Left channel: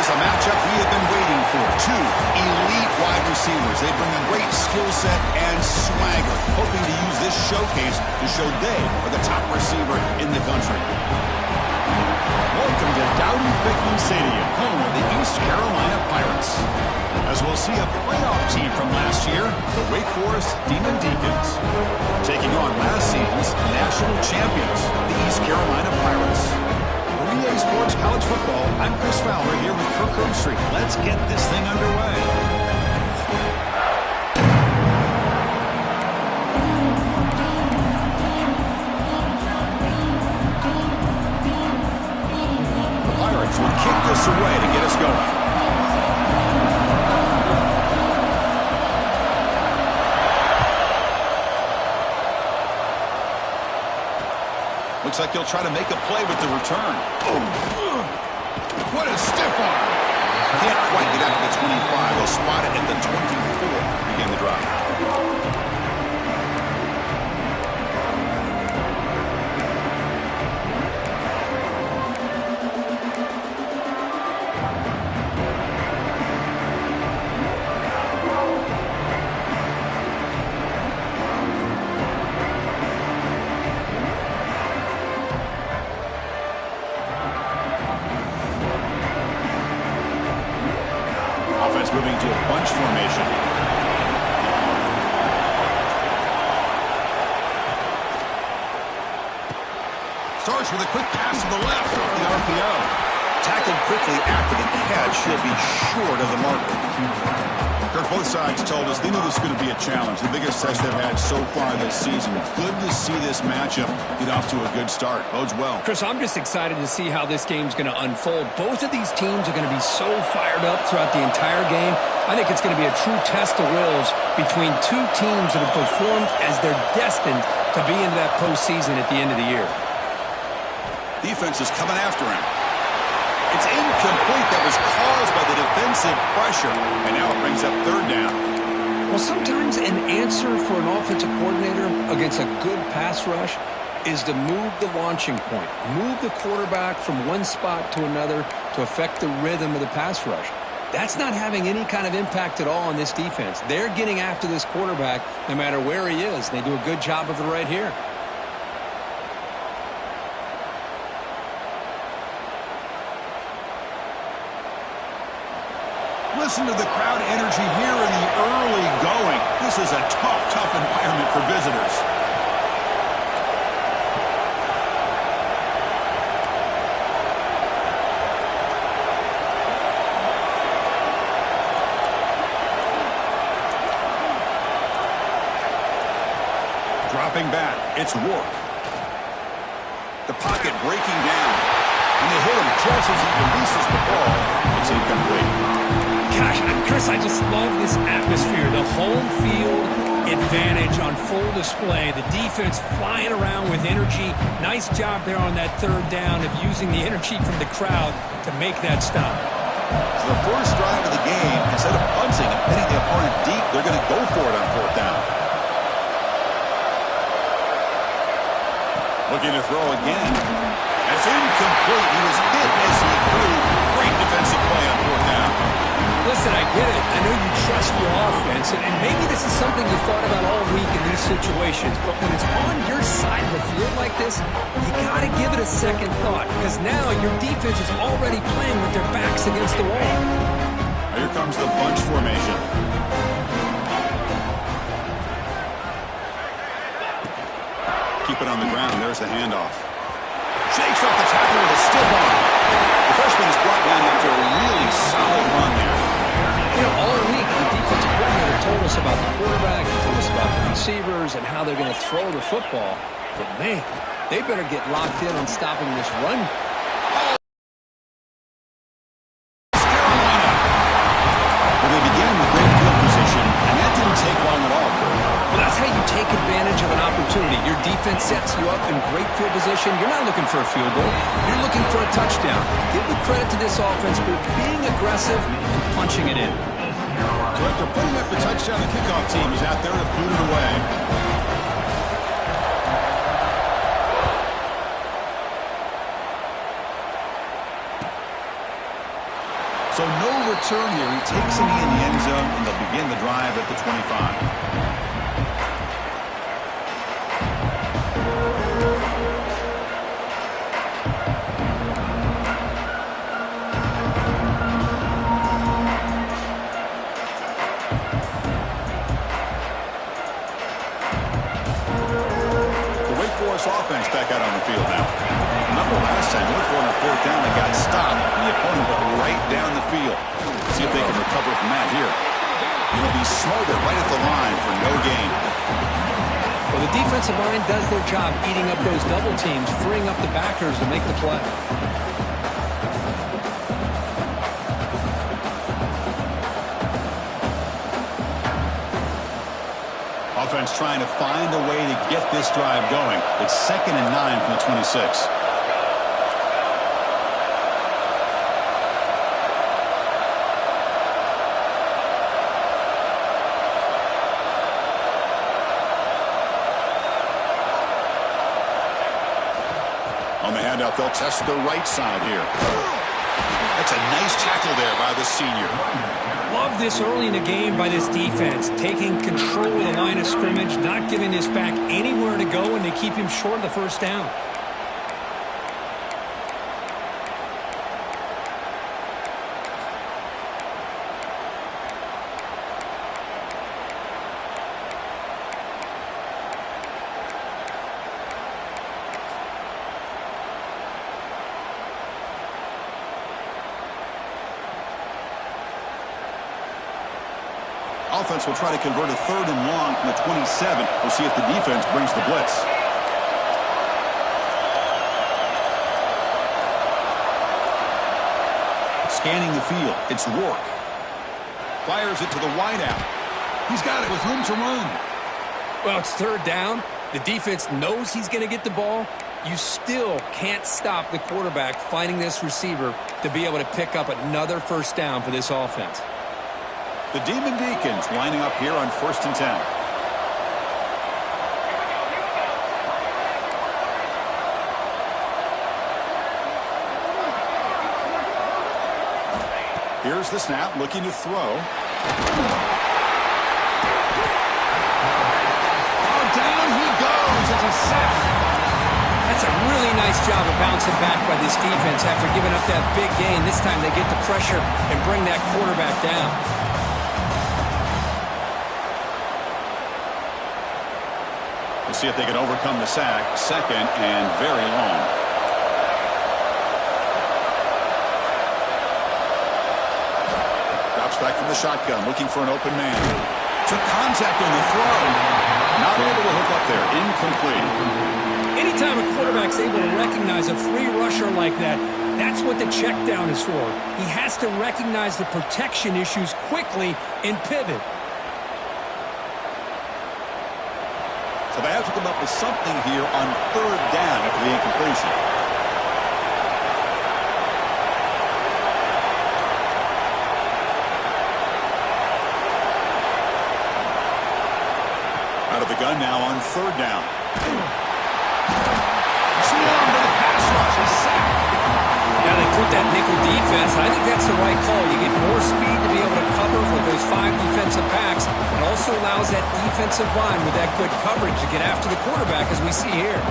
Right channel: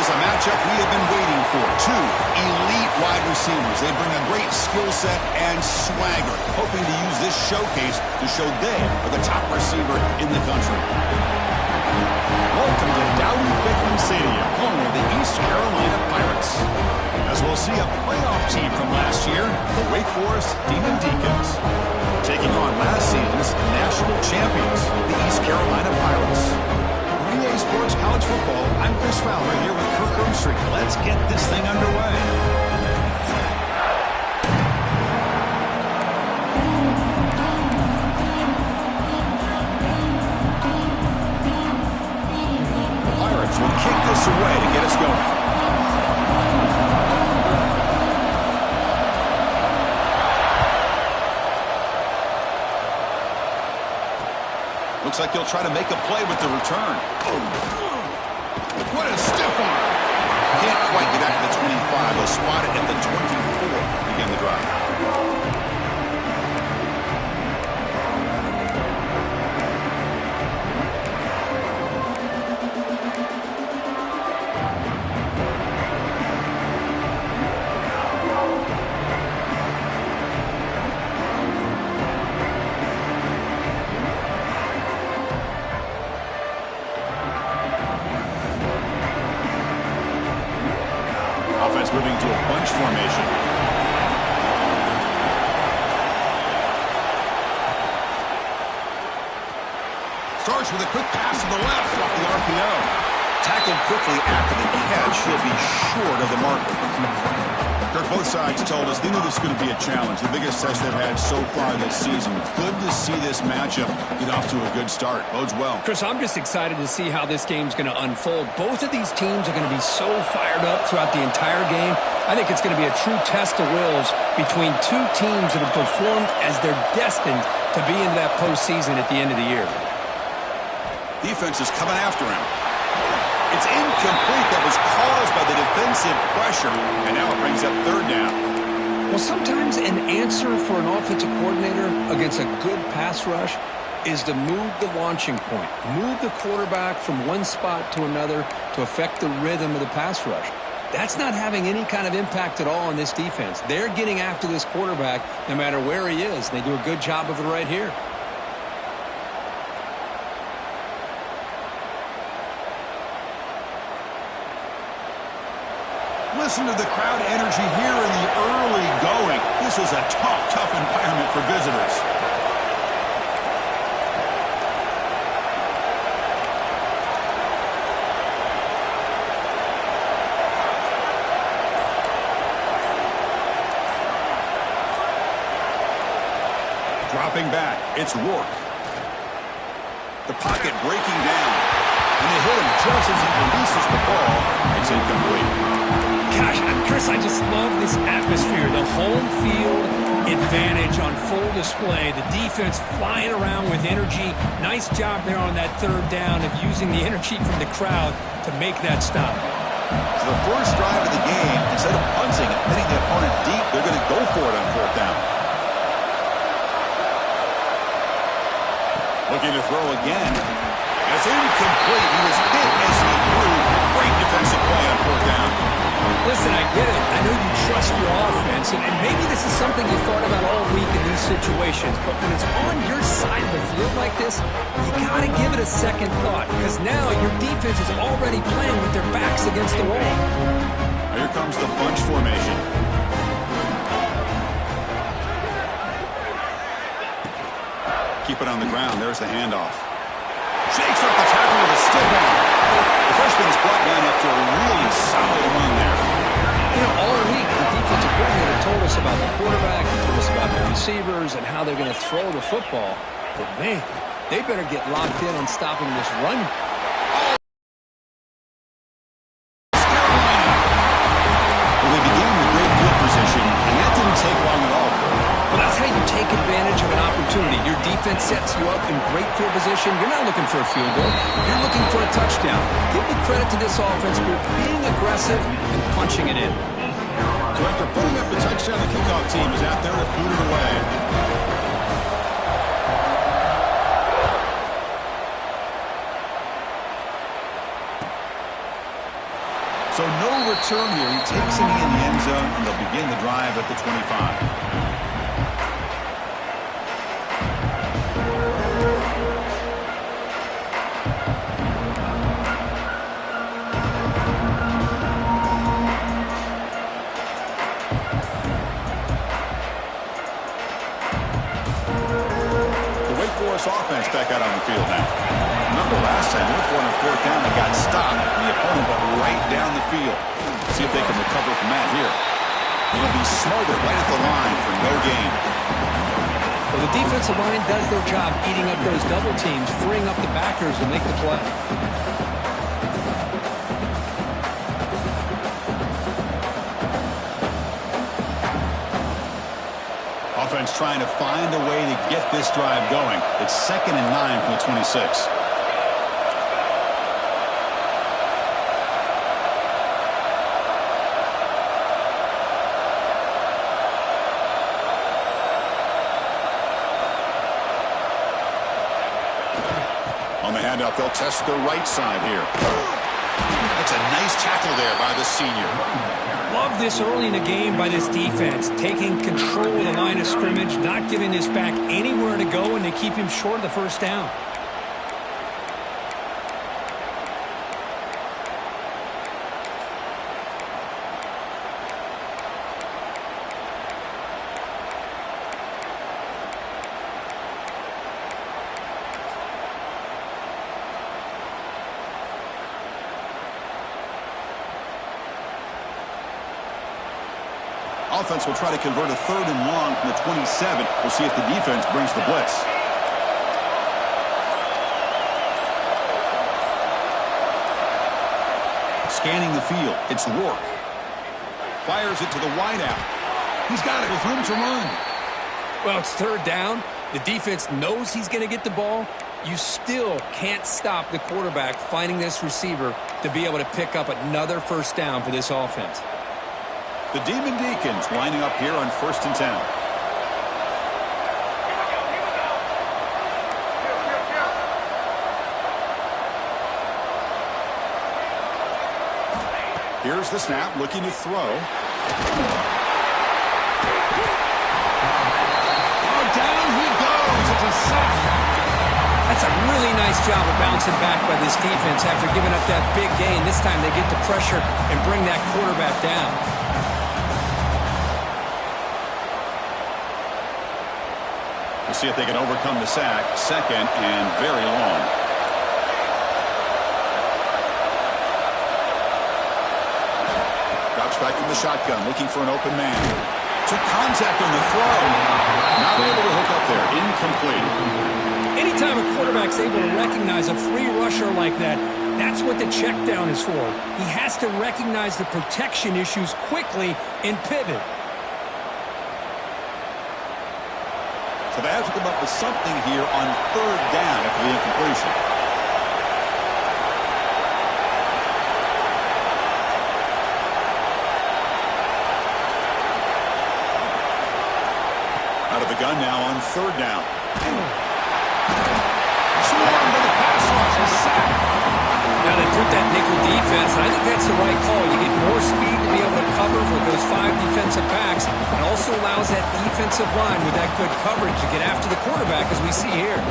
is a matchup we have been waiting for. Two elite wide receivers. They bring a great skill set and swagger, hoping to use this showcase to show they are the top receiver in the country. Welcome to Dowdy-Ficklen Stadium, home of the East Carolina Pirates. As we'll see a playoff team from last year, the Wake Forest Demon Deacons, taking on last season's national champions, the East Carolina Pirates. For EA Sports College Football, I'm Chris Fowler here with Kirk Herbstreit. Let's get this thing underway. The Pirates will kick this away to get us going. Looks like he'll try to make a play with the return. Oh, what a stiff arm. Can't quite get out to the 25. They'll spot it at the 24. Begin the drive. Offense moving to a bunch formation. Starts with a quick pass to the left off the RPO. Tackled quickly after the catch. He'll be short of the marker. Kirk, both sides told us they knew this was going to be a challenge. The biggest test they've had so far this season. Good to see this matchup get off to a good start. Bodes well. Chris, I'm just excited to see how this game's going to unfold. Both of these teams are going to be so fired up throughout the entire game. I think it's going to be a true test of wills between two teams that have performed as they're destined to be into that postseason at the end of the year. Defense is coming after him. It's incomplete. That was caused by the defensive pressure. And now it brings up third down. Well, sometimes an answer for an offensive coordinator against a good pass rush is to move the launching point. Move the quarterback from one spot to another to affect the rhythm of the pass rush. That's not having any kind of impact at all on this defense. They're getting after this quarterback no matter where he is. They do a good job of it right here. Listen to the crowd energy here in the early going. This is a tough environment for visitors. Dropping back, it's Rourke. The pocket breaking down. And they hit him just as he releases the ball. It's incomplete. Gosh, Chris, I just love this atmosphere. The home field advantage on full display. The defense flying around with energy. Nice job there on that third down of using the energy from the crowd to make that stop. So the first drive of the game, instead of punting and hitting the opponent deep, they're going to go for it on fourth down. Looking to throw again. It's incomplete. He was hit as he threw. Great defensive play on fourth down. Listen, I get it. I know you trust your offense, and maybe this is something you thought about all week in these situations, but when it's on your side of the field like this, you got to give it a second thought, because now your defense is already playing with their backs against the wall. Here comes the bunch formation. Keep it on the ground. There's the handoff. Shakes off the tackle with a stiff arm. The freshman is brought down after a really solid run there. You know, all week, the defensive coordinator told us about the quarterback, he told us about the receivers and how they're going to throw the football. But, man, they better get locked in on stopping this run. Oh! Carolina. Well, they began with great field position, and that didn't take long at all, Kurt. Well, that's how you take advantage of an opportunity. Your defense sets you up in great field position. You're not looking for a field goal. You're looking for a touchdown. Give the credit to this offense for being aggressive and punching it in. So after putting up the touchdown, the kickoff team is out there to boot it away. So So no return here. He takes a knee in the end zone, and they'll begin the drive at the 25. Offense back out on the field now. Remember last time, look for on a fourth down, they got stopped, and the opponent went right down the field. See if they can recover from that here. It'll be smothered right at the line for no gain. Well, the defensive line does their job eating up those double teams, freeing up the backers to make the play. Offense trying to find a way to get this drive going. It's 2nd and 9 from the 26. On the handoff, they'll test the right side here. That's a nice tackle there by the senior. Love this early in the game by this defense, taking control of the line of scrimmage, not giving this back anywhere to go, and they keep him short of the first down. Offense will try to convert a 3rd and long from the 27. We'll see if the defense brings the blitz. Scanning the field. It's Rourke. Fires it to the wideout. He's got it with room to run. Well, it's 3rd down. The defense knows he's going to get the ball. You still can't stop the quarterback finding this receiver to be able to pick up another first down for this offense. The Demon Deacons lining up here on 1st and 10. Here's the snap, looking to throw. Oh, down he goes. It's a sack. That's a really nice job of bouncing back by this defense after giving up that big gain. This time they get the pressure and bring that quarterback down. We'll see if they can overcome the sack. 2nd and very long. Drops back from the shotgun, looking for an open man. Took contact on the throw. Not able to hook up there. Incomplete. Anytime a quarterback's able to recognize a free rusher like that, that's what the check down is for. He has to recognize the protection issues quickly and pivot. So they have to come up with something here on 3rd down after the incompletion. Out of the gun now on 3rd down. Swarmed by the pass rush. A sack. Now they put that nickel defense, and I think that's the right call. You get more speed to be able to cover with those 5 defensive backs. It also allows that defensive line with that good coverage to get after the quarterback, as we see here.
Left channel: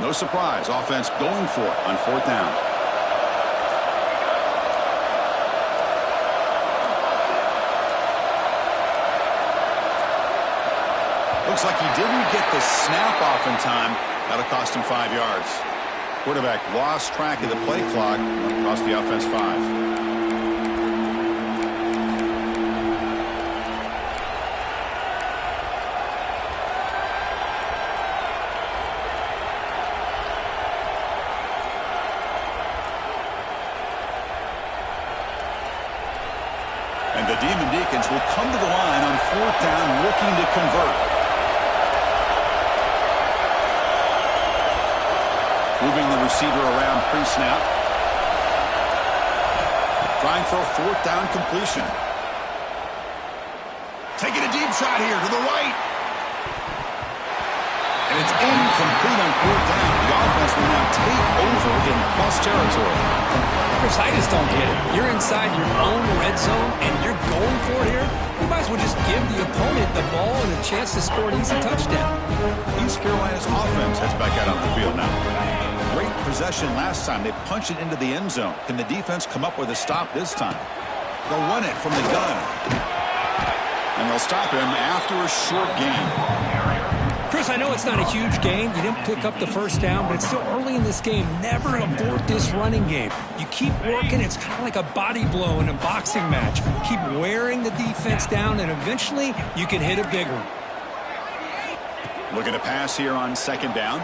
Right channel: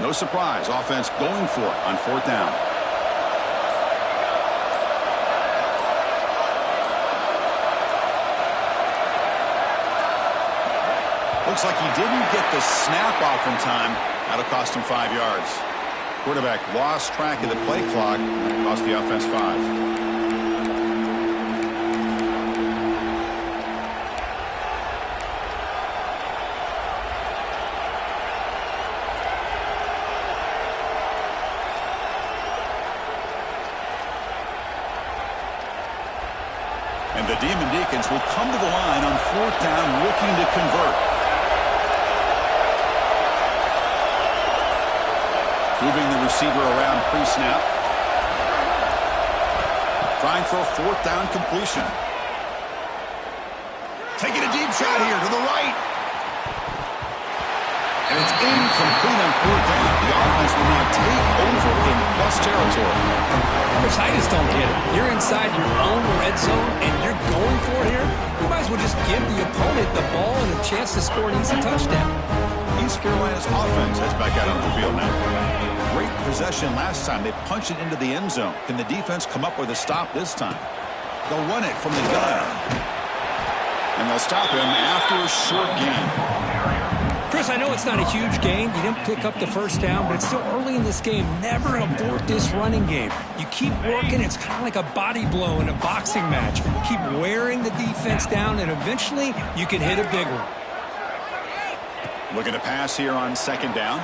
No surprise, offense going for it on 4th down. Looks like he didn't get the snap off in time. That'll cost him 5 yards. Quarterback lost track of the play clock. That'll cost the offense 5. And the Demon Deacons will come to the line on 4th down looking to convert. Moving the receiver around pre-snap. Trying for a 4th down completion. Taking a deep shot here to the right. And it's incomplete on 4th down. The offense will now take over in plus territory. Chris, I just don't get it. You're inside your own red zone, and you're going for it here? You might as well just give the opponent the ball and a chance to score an easy touchdown. East Carolina's offense heads back out on the field now. Great possession last time. They punched it into the end zone. Can the defense come up with a stop this time? They'll run it from the gun. And they'll stop him after a short gain. Chris, I know it's not a huge gain. You didn't pick up the first down, but it's still early in this game. Never abort this running game. You keep working. It's kind of like a body blow in a boxing match. Keep wearing the defense down, and eventually you can hit a big one. Looking to pass here on 2nd down.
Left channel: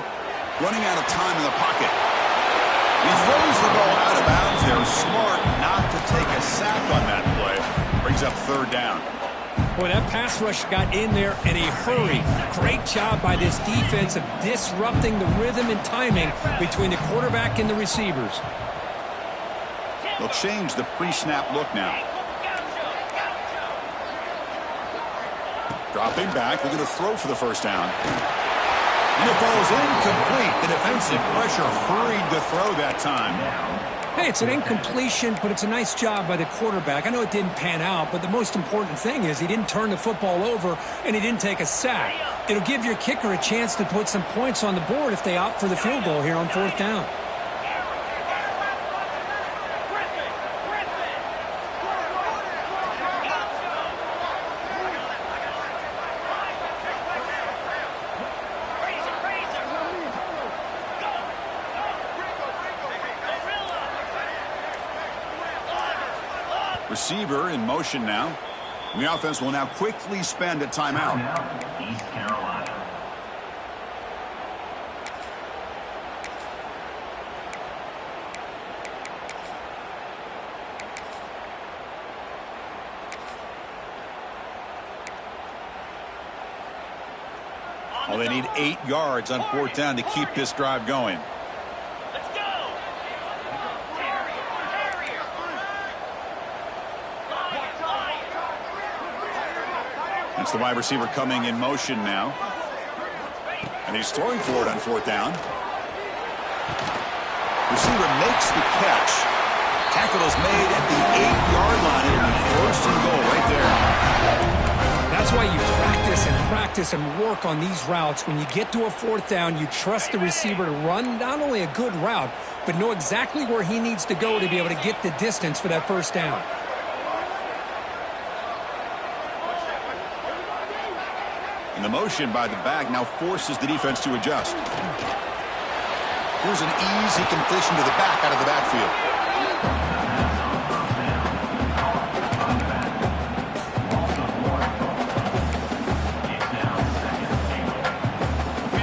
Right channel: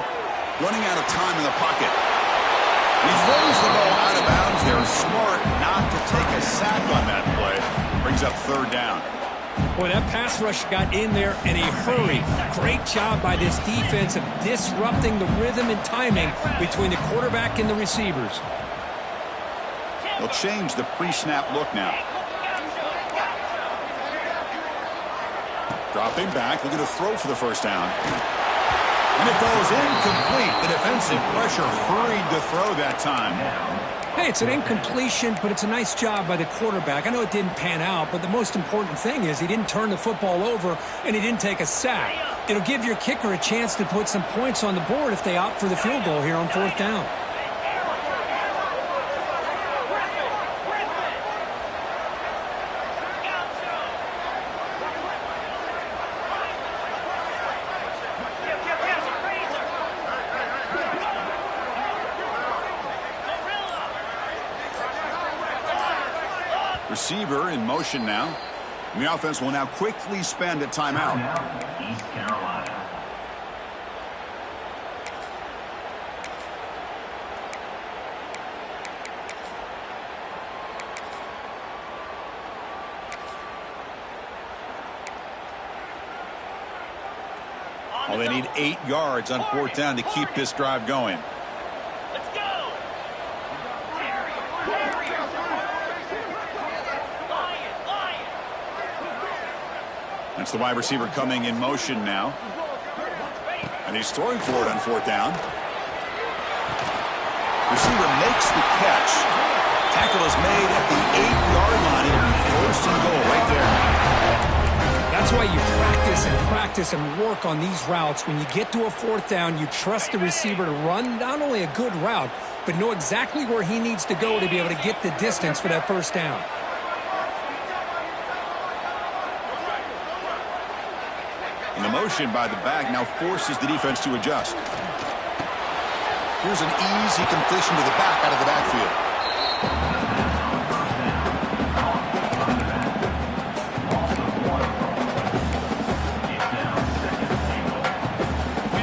Running out of time in the pocket. And he throws the ball out of bounds. They're smart not to take a sack on that play. Brings up 3rd down. Boy, that pass rush got in there in a hurry. Great job by this defense of disrupting the rhythm and timing between the quarterback and the receivers. They'll change the pre-snap look now. Dropping back, looking to throw for the 1st down. And it falls incomplete. The defensive pressure hurried to throw that time. Hey, it's an incompletion, but it's a nice job by the quarterback. I know it didn't pan out, but the most important thing is he didn't turn the football over and he didn't take a sack. It'll give your kicker a chance to put some points on the board if they opt for the field goal here on 4th down. Receiver in motion now. The offense will now quickly spend a timeout. East Carolina. Well, they need 8 yards on 4th down to keep this drive going. Let's go. That's the wide receiver coming in motion now. And he's throwing for it on 4th down. Receiver makes the catch. Tackle is made at the 8-yard line. It'll be 1st and goal right there. That's why you practice and work on these routes. When you get to a 4th down, you trust the receiver to run not only a good route, but know exactly where he needs to go to be able to get the distance for that 1st down. And the motion by the back now forces the defense to adjust. Here's an easy completion to the back out of the backfield.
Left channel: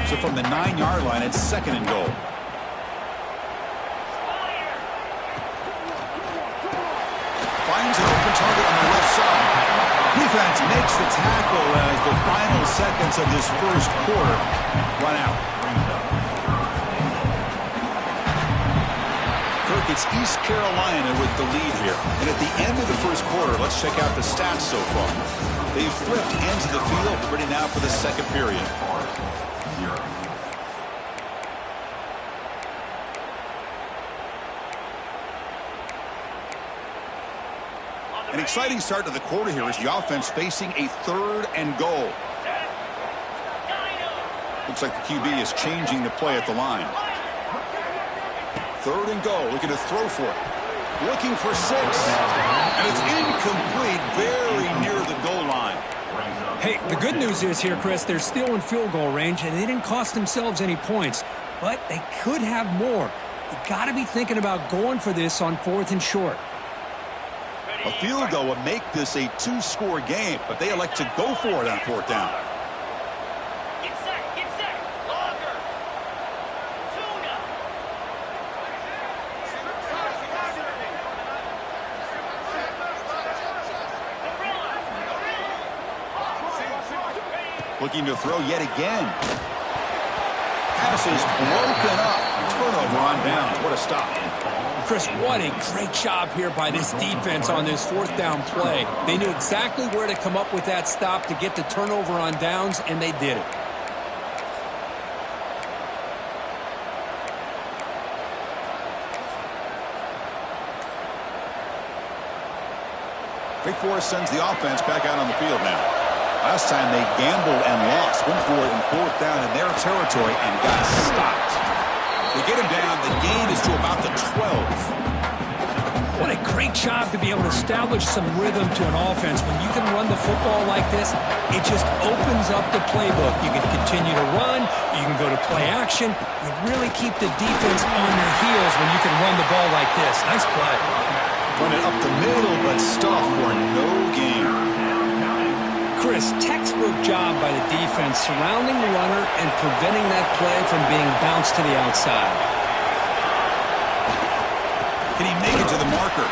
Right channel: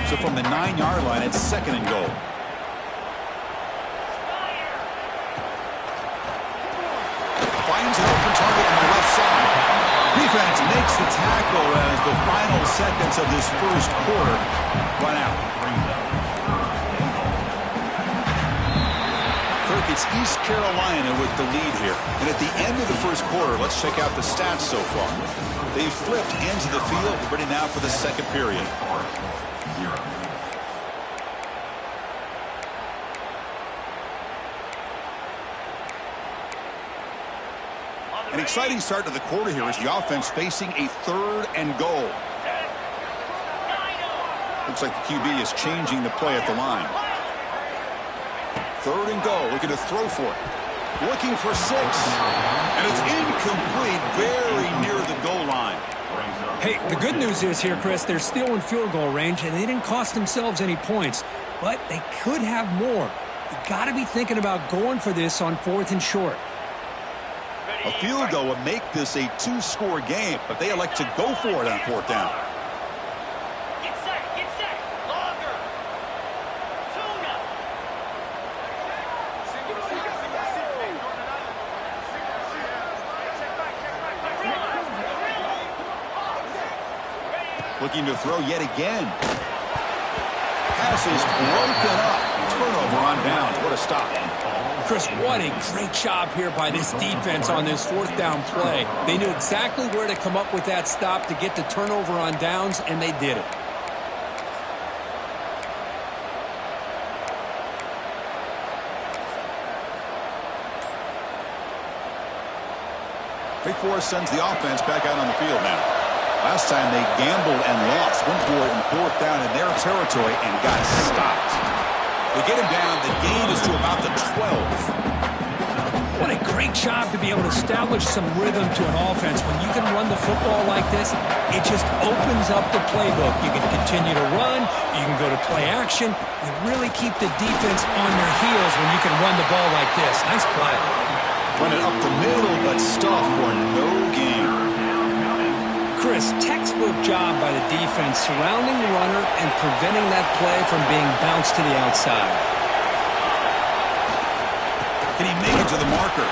So from the 9-yard line, it's 2nd and goal. Finds an open target on the left side. Defense makes the tackle as the final seconds of this 1st quarter run out. Kirk, it's East Carolina with the lead here. And at the end of the 1st quarter, let's check out the stats so far. They've flipped ends of the field, ready now for the 2nd period. An exciting start to the quarter here as the offense facing a 3rd and goal. Looks like the QB is changing the play at the line. 3rd and goal, looking to throw for it. Looking for 6. And it's incomplete, very near the goal line. Hey, the good news is here, Chris, they're still in field goal range, and they didn't cost themselves any points. But they could have more. You got to be thinking about going for this on 4th and short. A field goal would make this a 2-score game, but they elect to go for it on 4th down. Get set, longer. Tuna. Looking to throw yet again. Pass is broken up. Turnover on downs. What a stop. Chris, what a great job here by this defense on this fourth down play. They knew exactly where to come up with that stop to get the turnover on downs, and they did it. Wake Forest sends the offense back out on the field now. Last time they gambled and lost. Went for it in fourth down in their territory and got stopped. They get him down. The gain is to about the 12. What a great job to be able to establish some rhythm to an offense. When you can run the football like this, it just opens up the playbook. You can continue to run. You can go to play action. You really keep the defense on their heels when you can run the ball like this. Nice play. Run it up the middle, but stuff for no gain. Chris, textbook job by the defense surrounding the runner and preventing that play from being bounced to the outside. Can he make it to the marker?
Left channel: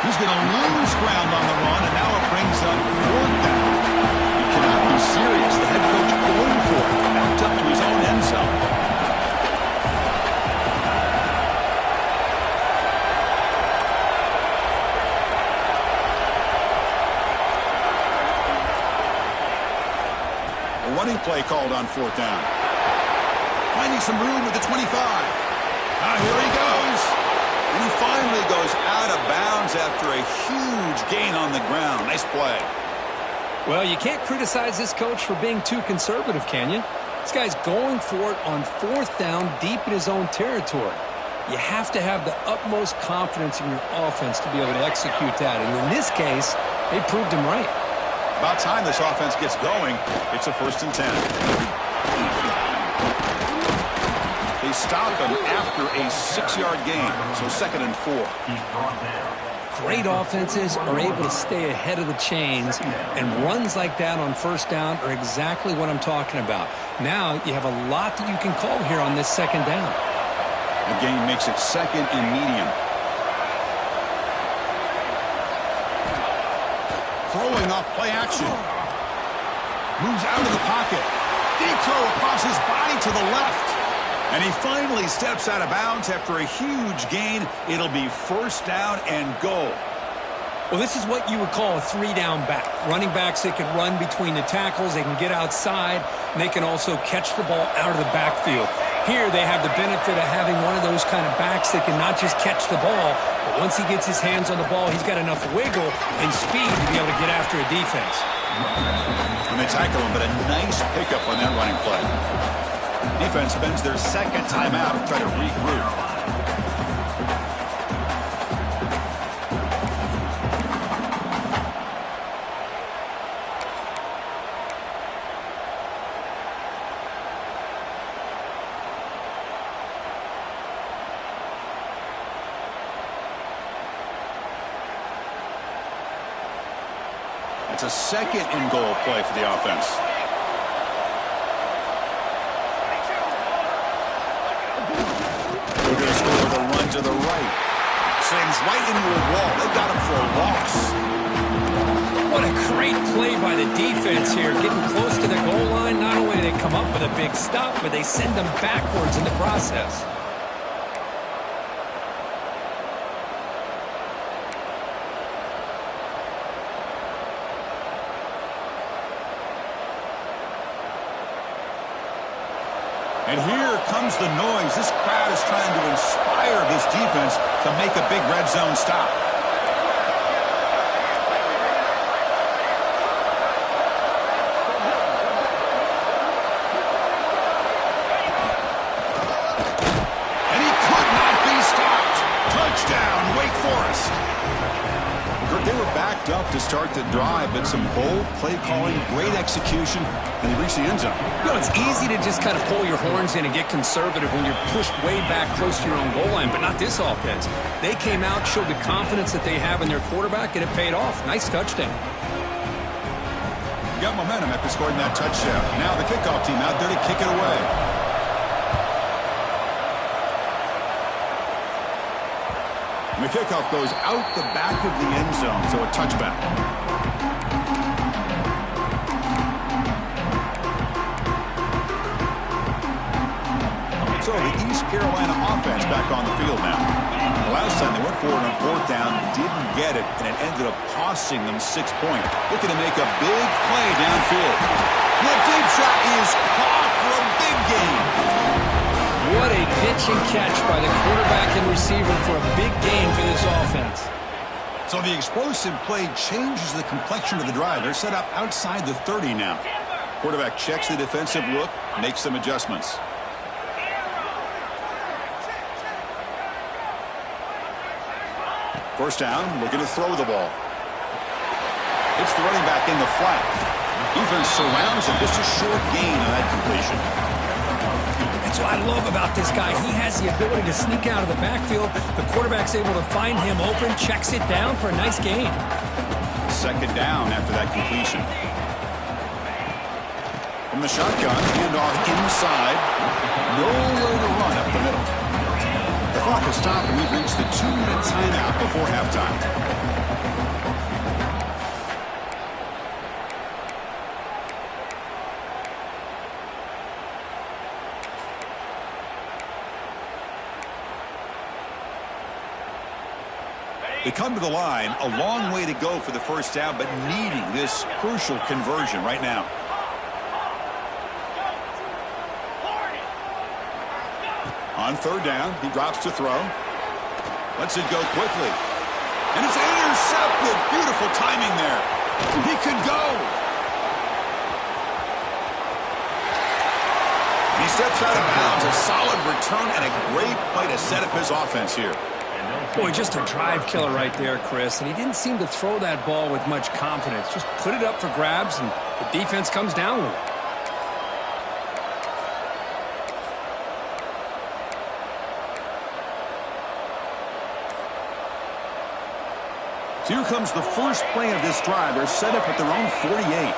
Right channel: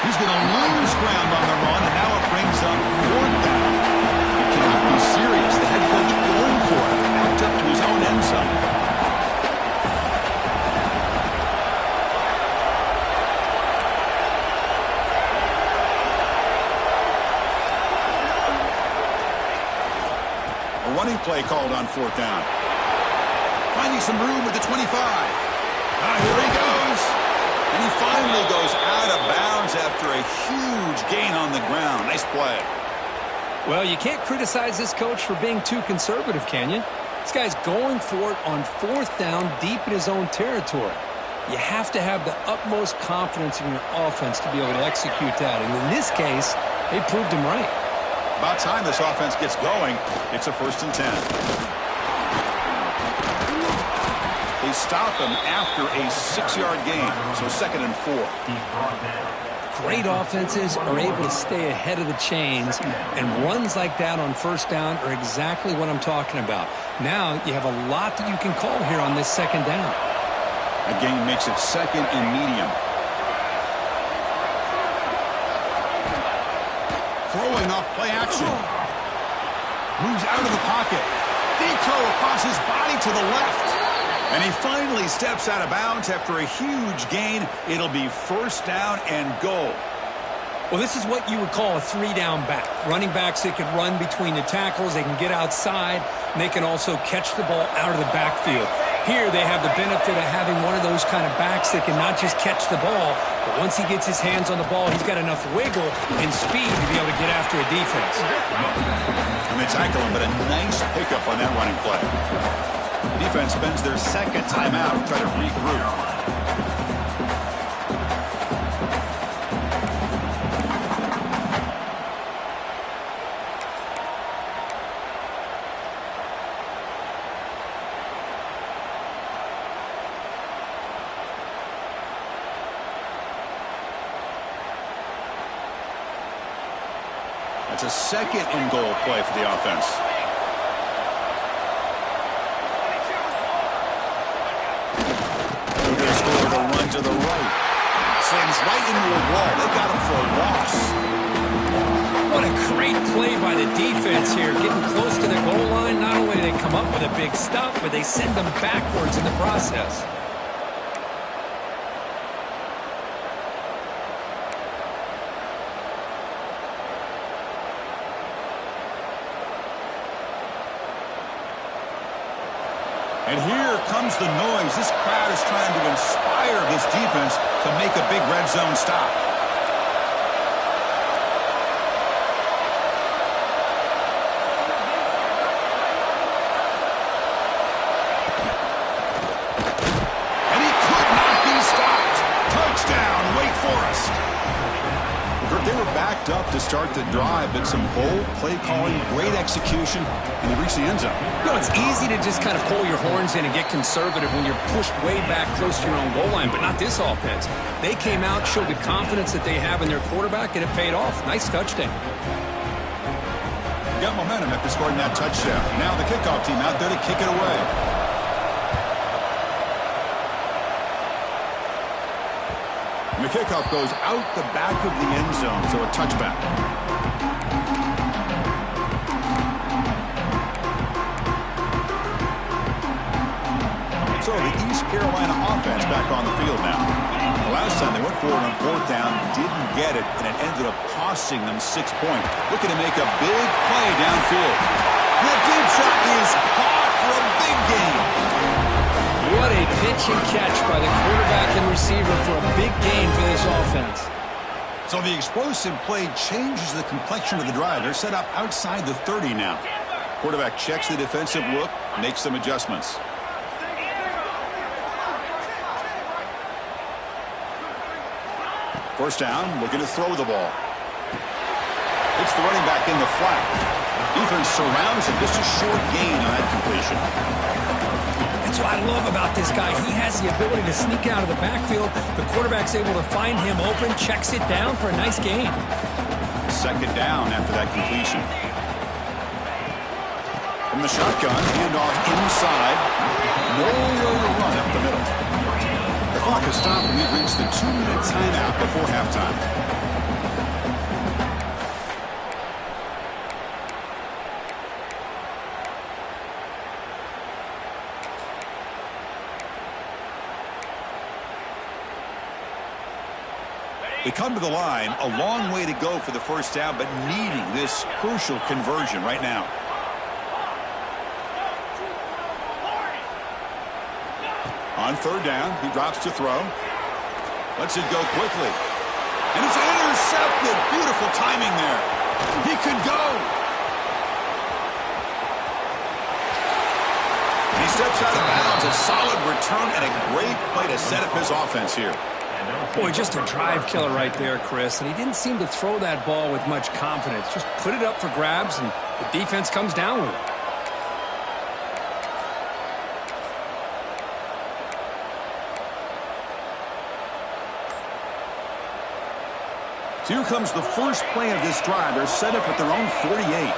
He's going to lose ground on the run, and now it brings up fourth down. He cannot be serious. The head coach going for it, backed up to his own end zone. Running play called on fourth down. Finding some room with the 25. Here he goes. And he finally goes out of bounds after a huge gain on the ground. Nice play. Well, you can't criticize this coach for being too conservative, can you? This guy's going for it on fourth down deep in his own territory. You have to have the utmost confidence in your offense to be able to execute that. And in this case, they proved him right. About time this offense gets going. It's a 1st and 10. They stop him after a 6-yard gain, so 2nd and 4. Great offenses are able to stay ahead of the chains, and runs like that on first down are exactly what I'm talking about. Now you have a lot that you can call here on this 2nd down. That gain makes it 2nd and medium. Throwing off play action. Moves out of the pocket. Deep throw across his body to the left. And he finally steps out of bounds after a huge gain. It'll be 1st down and goal. Well, this is what you would call a 3-down back. Running backs, they can run between the tackles. They can get outside. And they can also catch the ball out of the backfield. Here they have the benefit of having one of those kind of backs that can not just catch the ball, but once he gets his hands on the ball, he's got enough wiggle and speed to be able to get after a defense. And they tackle him, but a nice pickup on that running play. Defense spends their 2nd timeout to try to regroup. It's a 2nd and goal play for the offense. They're going to score with a run to the right. Slams right into a wall. They got him for a loss. What a great play by the defense here. Getting close to the goal line, not only do they come up with a big stop, but they send them backwards in the process. And here comes the noise. This crowd is trying to inspire this defense to make a big red zone stop. And he could not be stopped. Touchdown, Wake Forest. They were backed up to start the drive, but some bold play calling, great execution, and they reached the end zone. You know, it's easy to just kind of pull your horns in and get conservative when you're pushed way back close to your own goal line, but not this offense. They came out, showed the confidence that they have in their quarterback, and it paid off. Nice touchdown. Got momentum after scoring that touchdown. Now the kickoff team out there to kick it away. And the kickoff goes out the back of the end zone, so a touchback. So the East Carolina offense back on the field now. The last time they went for it on fourth down, didn't get it, and it ended up costing them 6 points. Looking to make a big play downfield. That deep shot is caught for a big gain. What a pitch and catch by the quarterback and receiver for a big gain for this offense. So the explosive play changes the complexion of the drive. They're set up outside the 30 now. Quarterback checks the defensive look, makes some adjustments. First down, looking to throw the ball. It's the running back in the flat. Defense surrounds him, just a short gain on that completion. That's what I love about this guy. He has the ability to sneak out of the backfield. The quarterback's able to find him open, checks it down for a nice gain. Second down after that completion. From the shotgun, handoff inside. Nowhere to run up the middle. The clock has stopped, and we've reached the 2-minute timeout before halftime. They come to the line, a long way to go for the first down, but needing this crucial conversion right now. On third down, he drops to throw. Lets it go quickly. And it's intercepted. Beautiful timing there. He could go. He steps out of bounds. A solid return and a great play to set up his offense here. Boy, just a drive killer right there, Chris. And he didn't seem to throw that ball with much confidence. Just put it up for grabs, and the defense comes down with it. So here comes the first play of this drive. They're set up at their own 48.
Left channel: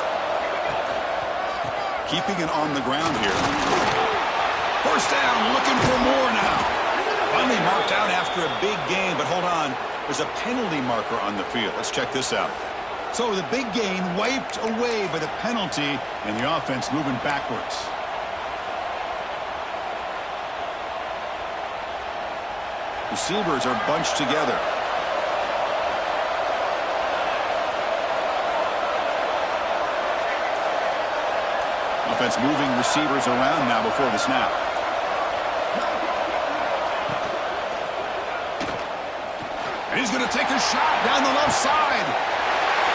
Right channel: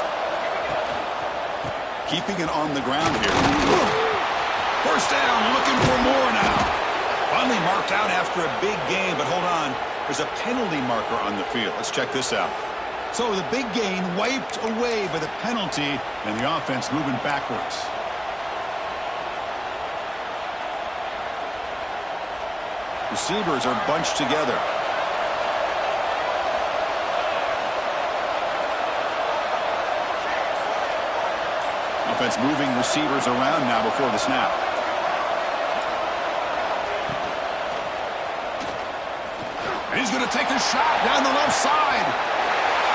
Keeping it on the ground here. First down, looking for more now. Finally marked out after a big gain, but hold on. There's a penalty marker on the field. Let's check this out. So the big gain wiped away by the penalty, and the offense moving backwards. Receivers are bunched together. Offense moving receivers around now before the snap. And he's going to take a shot down the left side.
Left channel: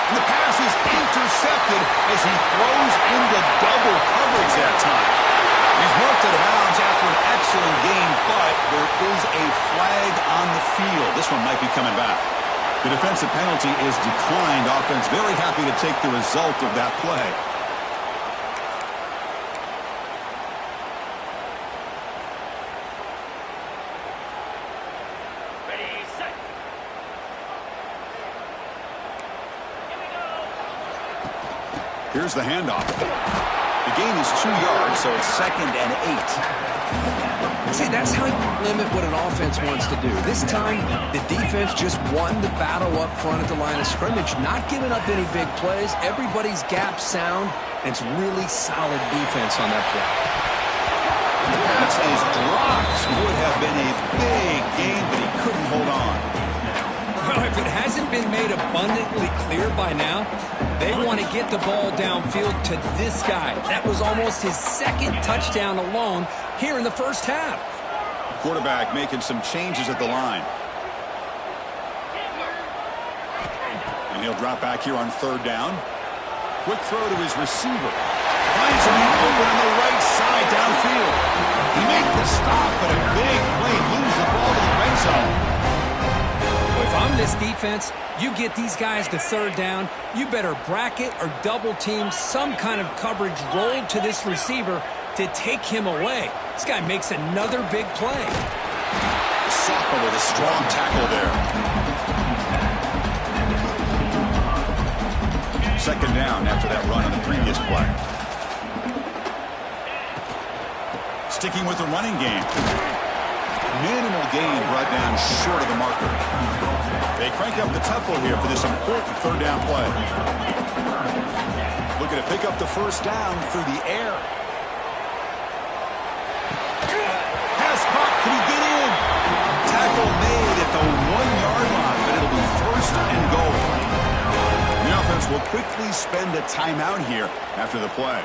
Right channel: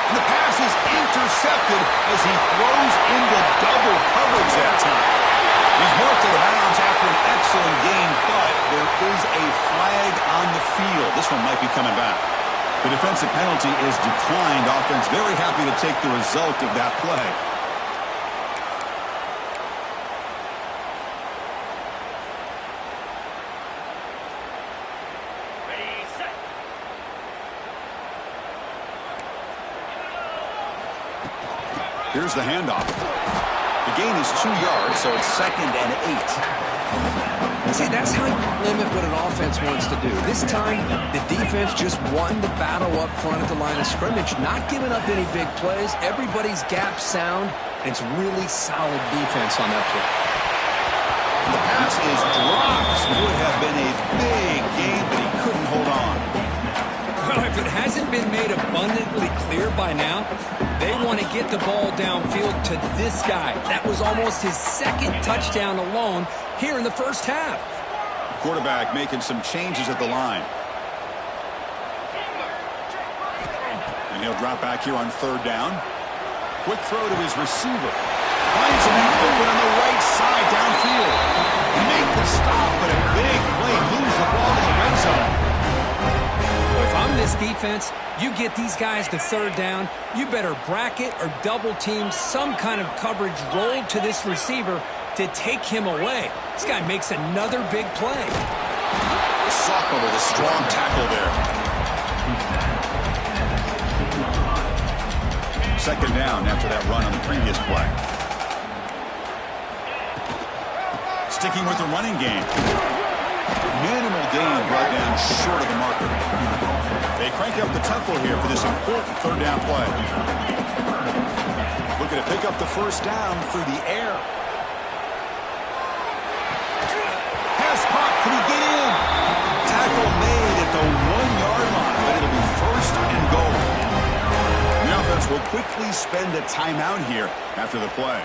And the pass is intercepted as he throws into double coverage that time. He's marked out of bounds after an excellent gain, but there is a flag on the field. This one might be coming back. The defensive penalty is declined. Offense very happy to take the result of that play. Here's the handoff. The gain is 2 yards, so it's 2nd and 8. See, that's how you limit what an offense wants to do. This time, the defense just won the battle up front at the line of scrimmage, not giving up any big plays. Everybody's gap sound, and it's really solid defense on that play. The pass is dropped. Would have been a big gain, but he couldn't hold on. Well, if it hasn't been made abundantly clear by now, they want to get the ball downfield to this guy. That was almost his 2nd touchdown alone here in the first half. Quarterback making some changes at the line. And he'll drop back here on third down. Quick throw to his receiver. Finds a man open on the right side downfield. He made the stop, but a big play moves the ball to the red zone. If I'm this defense, you get these guys to third down, you better bracket or double team some kind of coverage rolled to this receiver to take him away. This guy makes another big play. The sophomore with a strong tackle there. 2nd down after that run on the previous play. Sticking with the running game. Minimal gain brought down short of the marker. They crank up the tempo here for this important third down play. Looking to pick up the first down through the air. tackle made at the 1-yard line, but it'll be first and goal. The offense will quickly spend a timeout here after the play.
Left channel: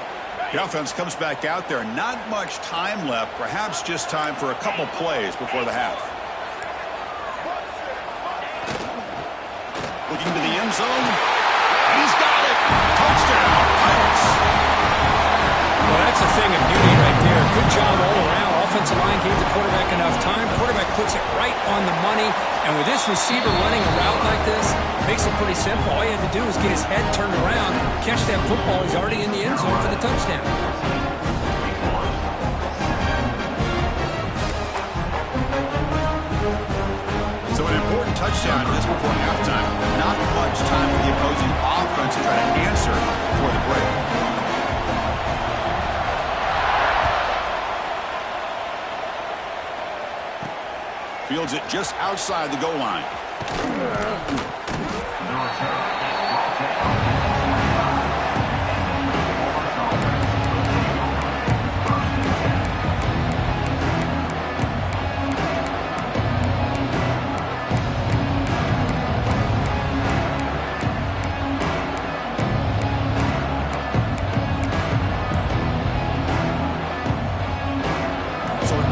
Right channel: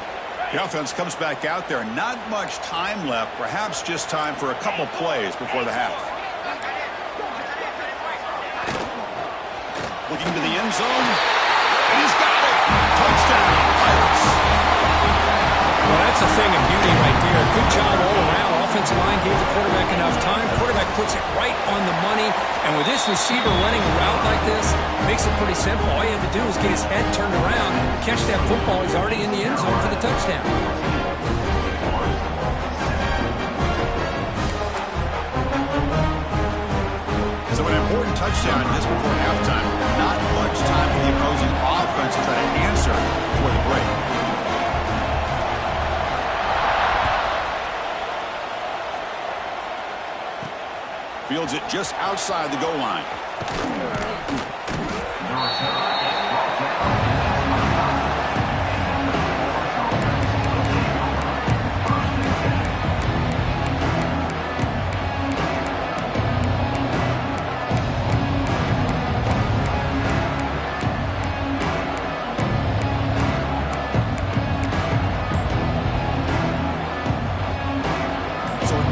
The offense comes back out there. Not much time left. Perhaps just time for a couple plays before the half. Looking to the end zone. And he's got it. Touchdown, Pirates. Well, that's a thing of beauty right there. Good job all around. Offensive line gave the quarterback enough time. Quarterback puts it right on the money. And with this receiver running a route like this, it makes it pretty simple. All you have to do is get his head turned around, catch that football. He's already in the end zone for the touchdown. So an important touchdown just before halftime. Not much time for the opposing offense to try to answer before the break. Fields it just outside the goal line.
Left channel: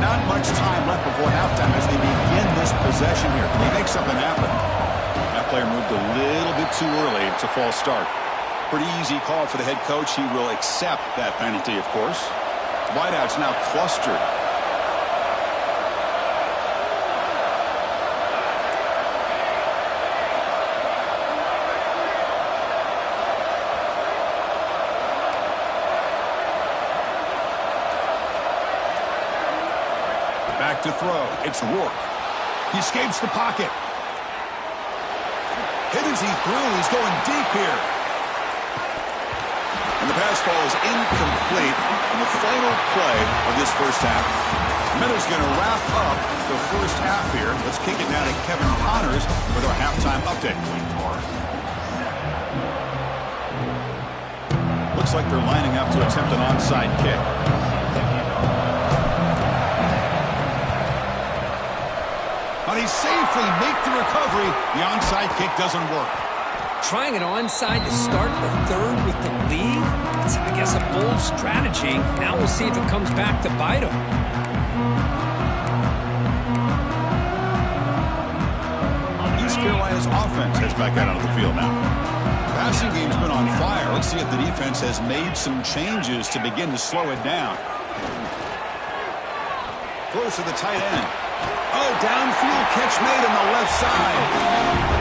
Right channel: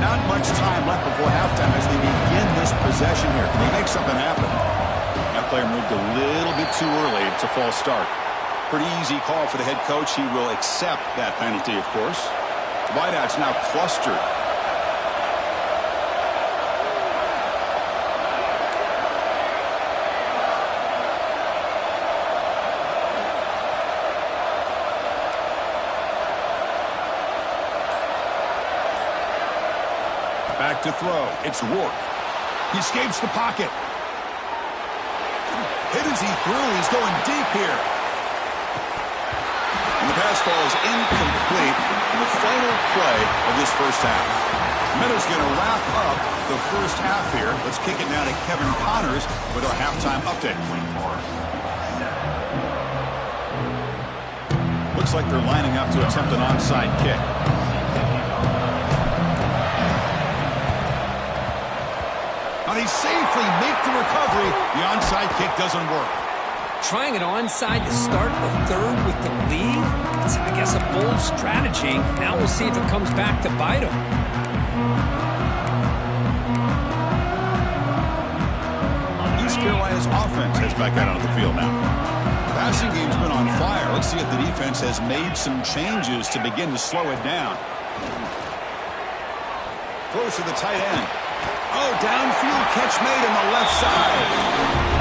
Not much time left before halftime as they begin this possession here. Can they make something happen? That player moved a little bit too early. It's a false start. Pretty easy call for the head coach. He will accept that penalty, of course. The wideout's now clustered. Back to throw. It's Rourke. He escapes the pocket. Hit as he threw. He's going deep here. And the pass falls incomplete on the final play of this first half. Meadows going to wrap up the first half here. Let's kick it now to Kevin Connors with our halftime update. Looks like they're lining up to attempt an onside kick. Now they safely make the recovery. The onside kick doesn't work. Trying an onside to start the third with the lead? It's, I guess, a bold strategy. Now we'll see if it comes back to bite him. East Carolina's offense heads back out onto the field now. The passing game's been on fire. Let's see if the defense has made some changes to begin to slow it down. Throws to the tight end. Oh, downfield catch made on the left side.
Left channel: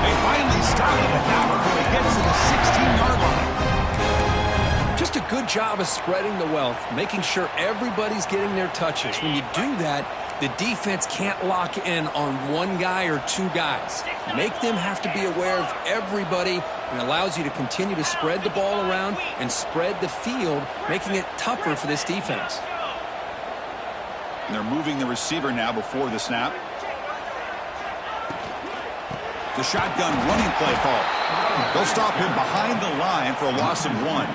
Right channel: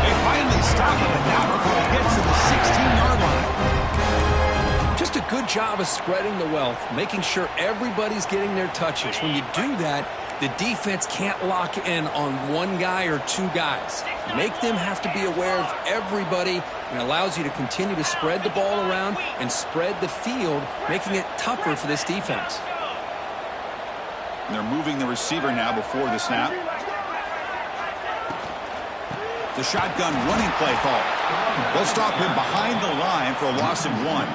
They finally stop him, but not before he gets to the 16-yard line. Just a good job of spreading the wealth, making sure everybody's getting their touches. When you do that, the defense can't lock in on one guy or two guys. Make them have to be aware of everybody, and it allows you to continue to spread the ball around and spread the field, making it tougher for this defense. And they're moving the receiver now before the snap. The shotgun running play call. They'll stop him behind the line for a loss of 1.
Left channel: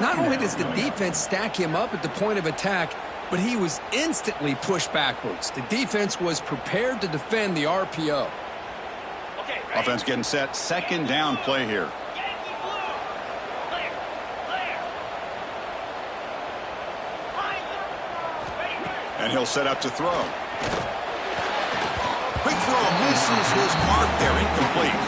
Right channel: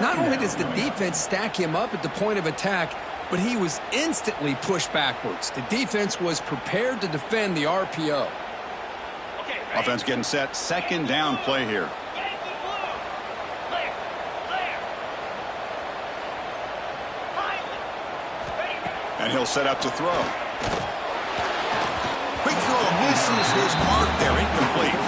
Not only does the defense stack him up at the point of attack, but he was instantly pushed backwards. The defense was prepared to defend the RPO. Okay, Offense getting set. Second down play here. Yankee blue. Clear. Clear. Highland. Ready. And he'll set up to throw. Quick throw misses his mark there. Incomplete.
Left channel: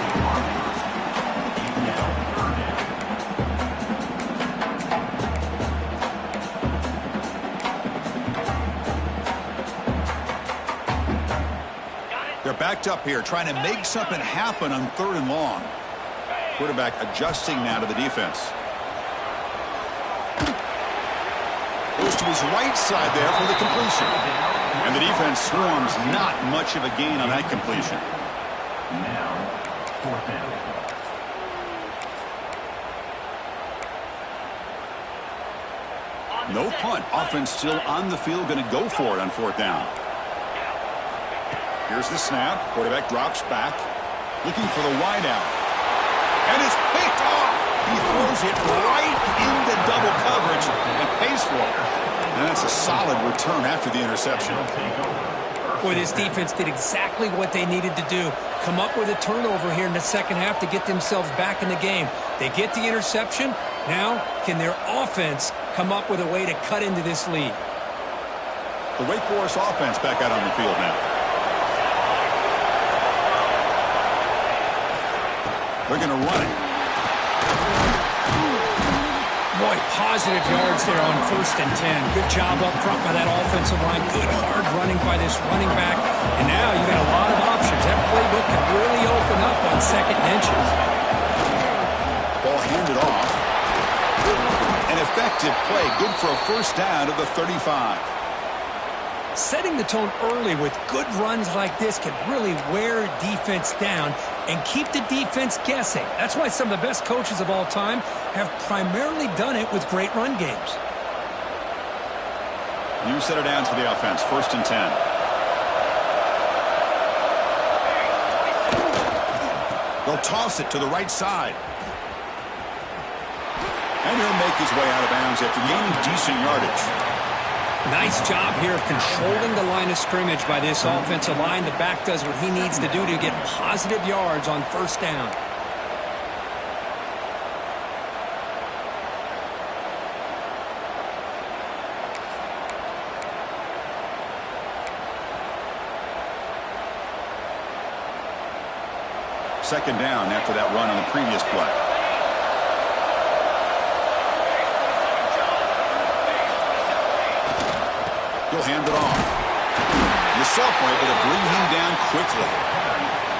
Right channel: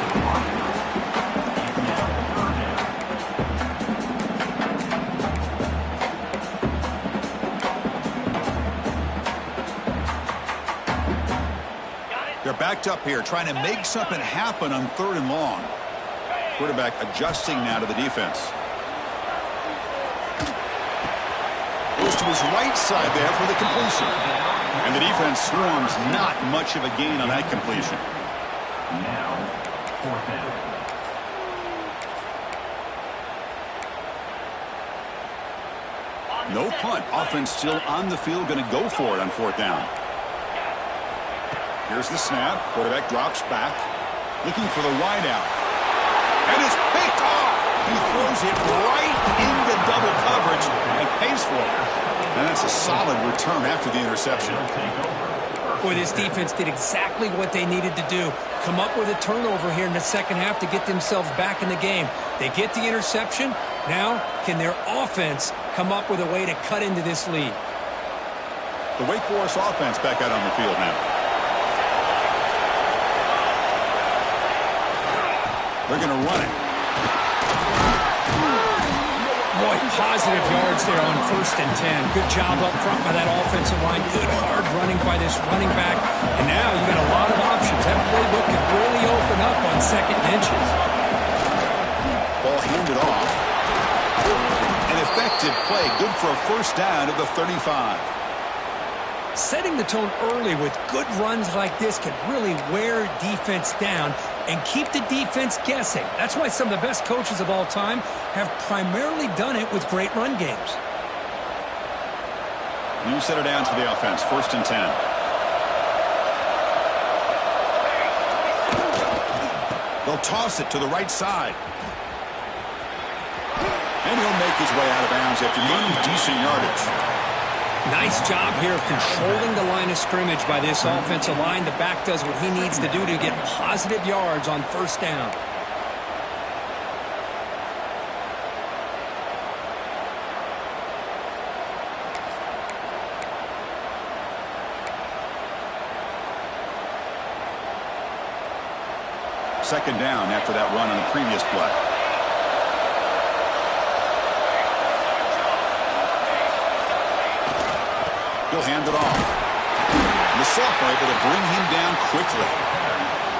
They're backed up here, trying to make something happen on 3rd and long. Quarterback adjusting now to the defense. Goes to his right side there for the completion. And the defense swarms, not much of a gain on that completion. Now, 4th down. No punt. Offense still on the field, going to go for it on 4th down. Here's the snap. Quarterback drops back, looking for the wideout. And it's picked off. He throws it right into double coverage and pays for it. And that's a solid return after the interception. Boy, this defense did exactly what they needed to do. Come up with a turnover here in the second half to get themselves back in the game. They get the interception. Now, can their offense come up with a way to cut into this lead? The Wake Forest offense back out on the field now. They're going to run it. Boy, positive yards there on 1st and 10. Good job up front by that offensive line. Good hard running by this running back. And now you got a lot of options. That playbook can really open up on 2nd and inches. Ball handed off. An effective play. Good for a first down of the 35. Setting the tone early with good runs like this can really wear defense down and keep the defense guessing. That's why some of the best coaches of all time have primarily done it with great run games. New set of downs for the offense. 1st and 10. They'll toss it to the right side. And he'll make his way out of bounds after gaining decent yardage. Nice job here of controlling the line of scrimmage by this offensive line. The back does what he needs to do to get positive yards on 1st down. Second down after that run on the previous play. He'll hand it off. And the sophomore able to bring him down quickly.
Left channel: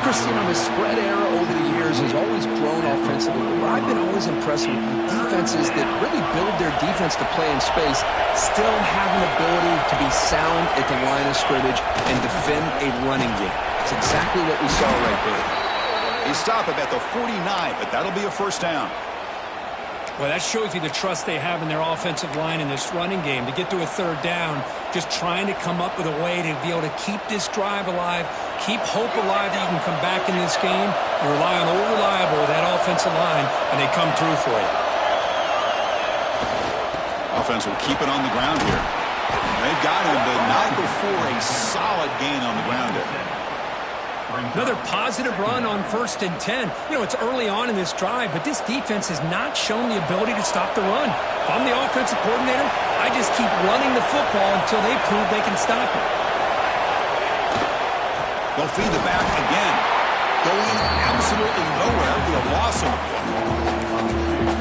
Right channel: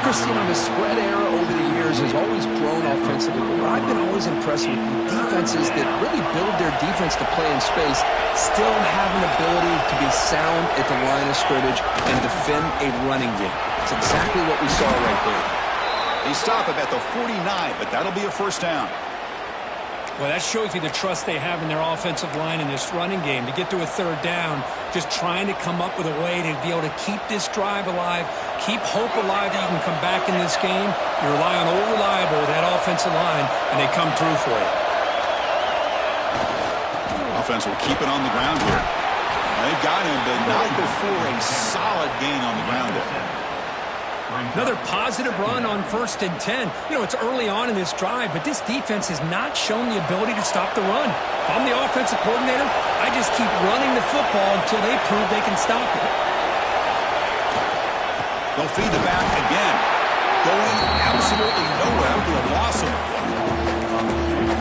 Chris, the spread era over the years has always grown offensively, but I've been always impressed with defenses that really build their defense to play in space, still have an ability to be sound at the line of scrimmage and defend a running game. It's exactly what we saw right there. They stop him at the 49, but that'll be a first down. Well, that shows you the trust they have in their offensive line in this running game. To get to a 3rd down, just trying to come up with a way to be able to keep this drive alive, keep hope alive that you can come back in this game. You rely on Old Reliable with that offensive line, and they come through for you. Offense will keep it on the ground here. They've got him, but not before a solid gain on the ground there. Another positive run on 1st and 10. It's early on in this drive, but this defense has not shown the ability to stop the run. If I'm the offensive coordinator, I just keep running the football until they prove they can stop it. They'll feed the back again. Going absolutely nowhere. That would be a loss of a play.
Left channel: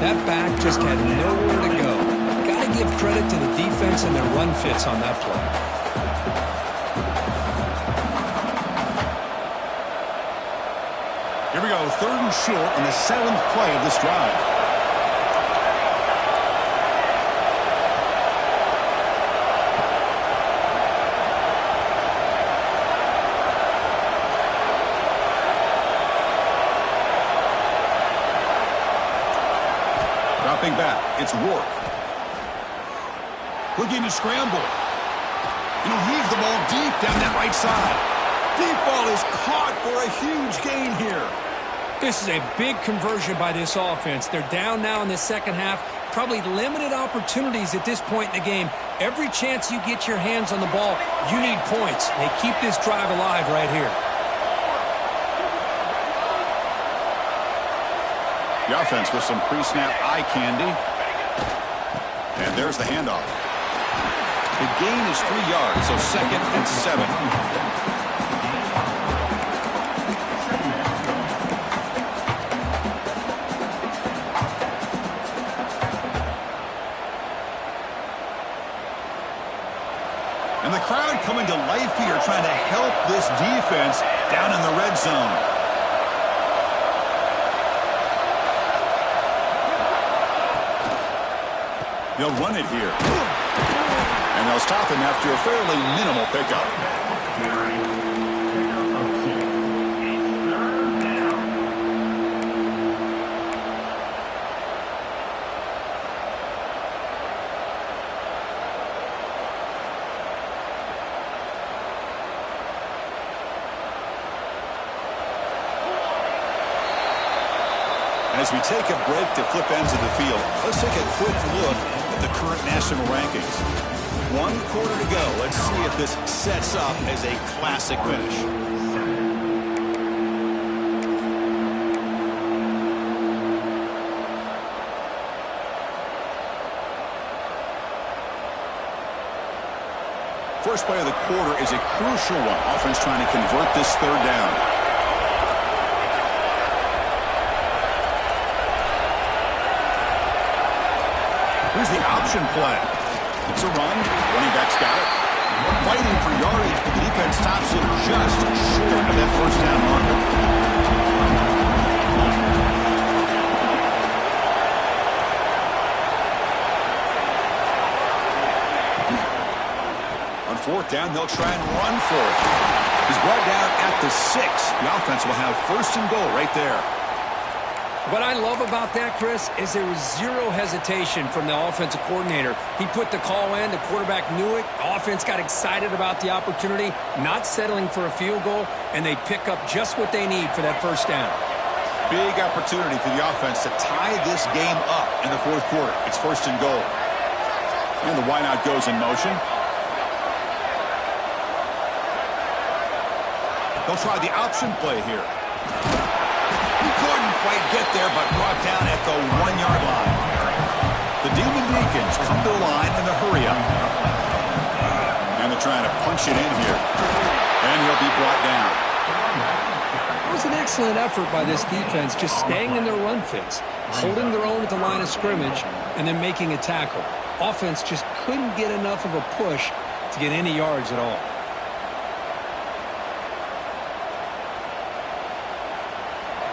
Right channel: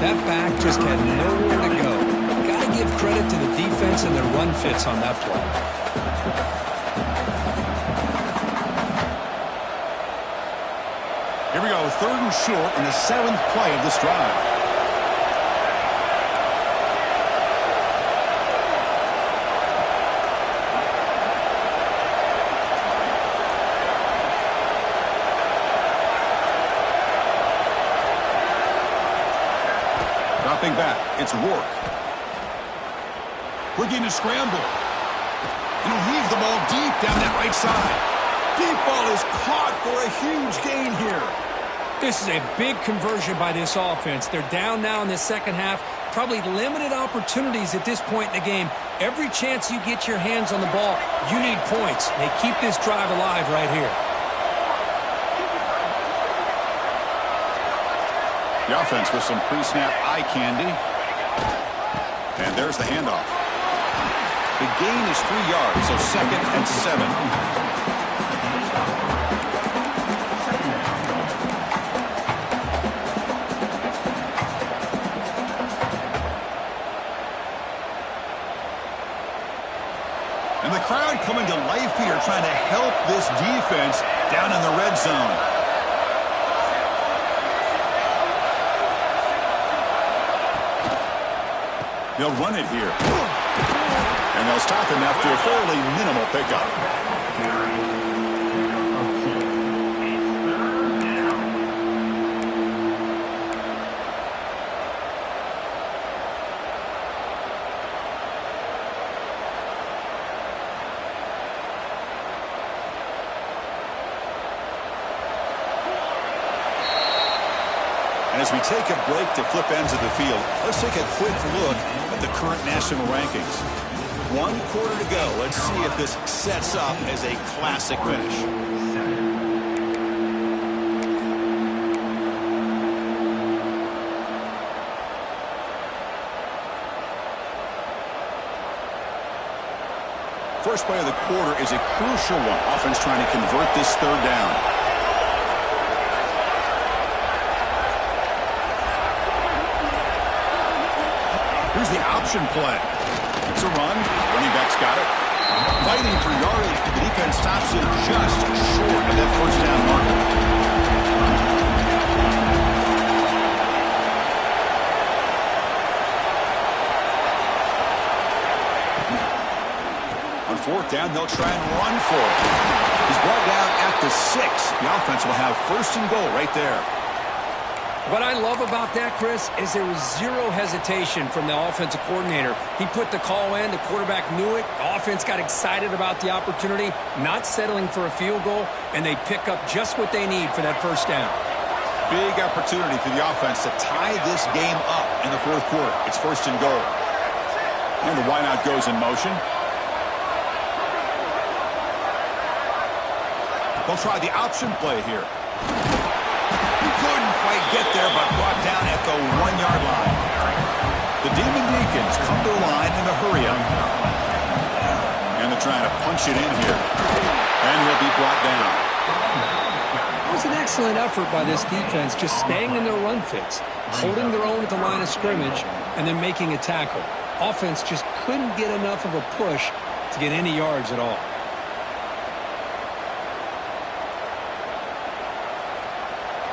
That back just had nowhere to go. Got to give credit to the defense and their run fits on that play. Here we go, 3rd and short on the 7th play of this drive. Dropping back, it's Rourke. Looking to scramble. And he'll heave the ball deep down that right side. Deep ball is caught for a huge gain here. This is a big conversion by this offense. They're down now in the second half. Probably limited opportunities at this point in the game. Every chance you get your hands on the ball, you need points. They keep this drive alive right here. The offense with some pre-snap eye candy. And there's the handoff. The gain is 3 yards, so 2nd and 7. And the crowd coming to life here, trying to help this defense down in the red zone. They'll run it here. And they'll stop him after a fairly minimal pickup. And as we take a break to flip ends of the field, let's take a quick look at the current national rankings. 1 quarter to go. Let's see if this sets up as a classic finish. First play of the quarter is a crucial one. Offense trying to convert this 3rd down. Here's the option play. It's a run. Running back's got it. Fighting for yardage, but the defense stops him just short of that 1st down marker. On 4th down, they'll try and run for it. He's brought down at the 6. The offense will have 1st and goal right there. What I love about that, Chris, is there was zero hesitation from the offensive coordinator. He put the call in. The quarterback knew it. The offense got excited about the opportunity, not settling for a field goal, and they pick up just what they need for that 1st down. Big opportunity for the offense to tie this game up in the 4th quarter. It's 1st and goal. And the wideout goes in motion. They'll try the option play here. Couldn't quite get there, but brought down at the 1-yard line. The Demon Deacons come to the line in the hurry-up. And they're trying to punch it in here. And he'll be brought down. It was an excellent effort by this defense, just staying in their run fits, holding their own at the line of scrimmage, and then making a tackle. Offense just couldn't get enough of a push to get any yards at all.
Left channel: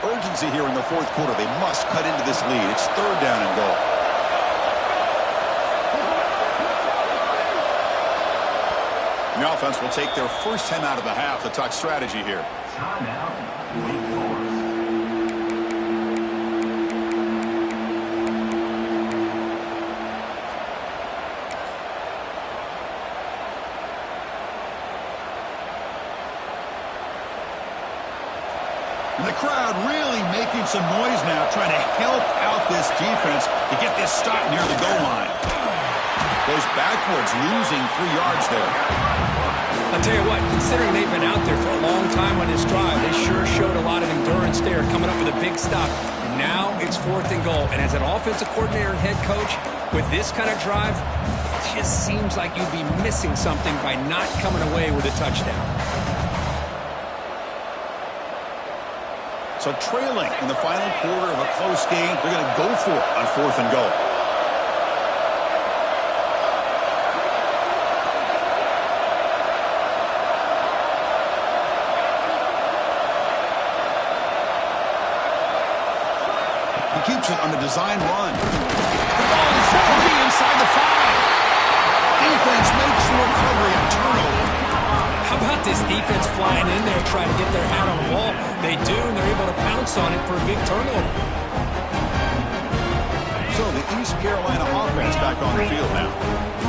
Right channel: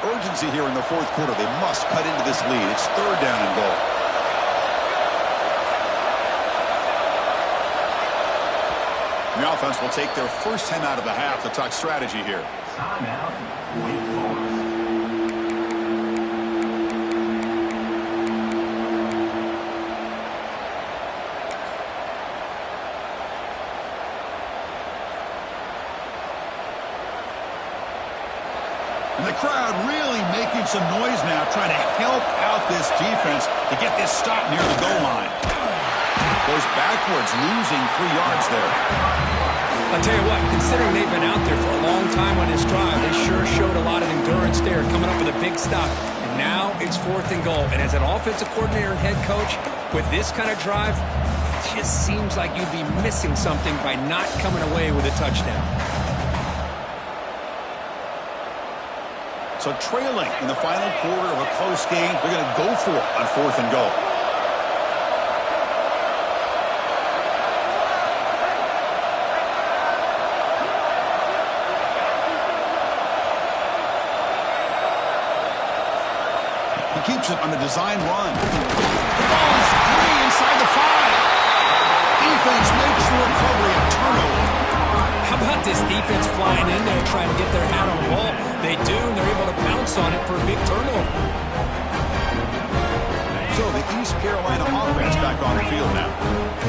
Urgency here in the 4th quarter. They must cut into this lead. It's 3rd down and goal. The offense will take their 1st time out of the half to talk strategy here. Timeout, Wake Forest. And the crowd really making some noise now, trying to help out this defense to get this stop near the goal line. Goes backwards, losing 3 yards there. I'll tell you what, considering they've been out there for a long time on this drive, they sure showed a lot of endurance there, coming up with a big stop. And now it's 4th and goal. And as an offensive coordinator and head coach, with this kind of drive, it just seems like you'd be missing something by not coming away with a touchdown. So trailing in the final quarter of a close game, they're going to go for it on 4th and goal. He keeps it on the design run. The ball is free inside the 5. Defense makes the recovery, a turnover. How about this defense flying in there trying to get their hat on the ball? They do, and they're able to pounce on it for a big turnover. So the East Carolina offense back on the field now.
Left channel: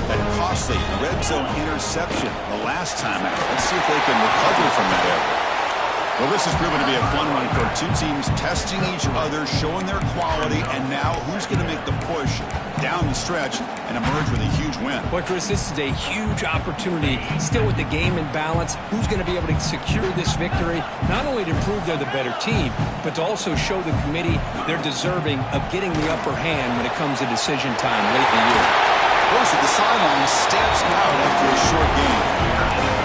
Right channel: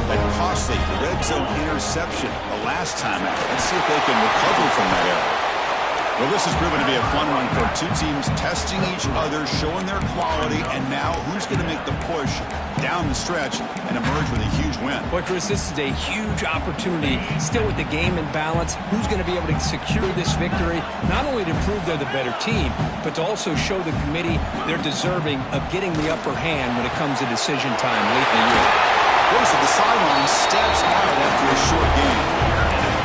That costly red zone interception the last time out. Let's see if they can recover from that error. Well, this has proven to be a fun one for 2 teams testing each other, showing their quality, and now who's going to make the push down the stretch and emerge with a huge win. Boy, Chris, this is a huge opportunity. Still with the game in balance, who's going to be able to secure this victory, not only to prove they're the better team, but to also show the committee they're deserving of getting the upper hand when it comes to decision time late in the year. Goes to the sideline, steps out after a short game.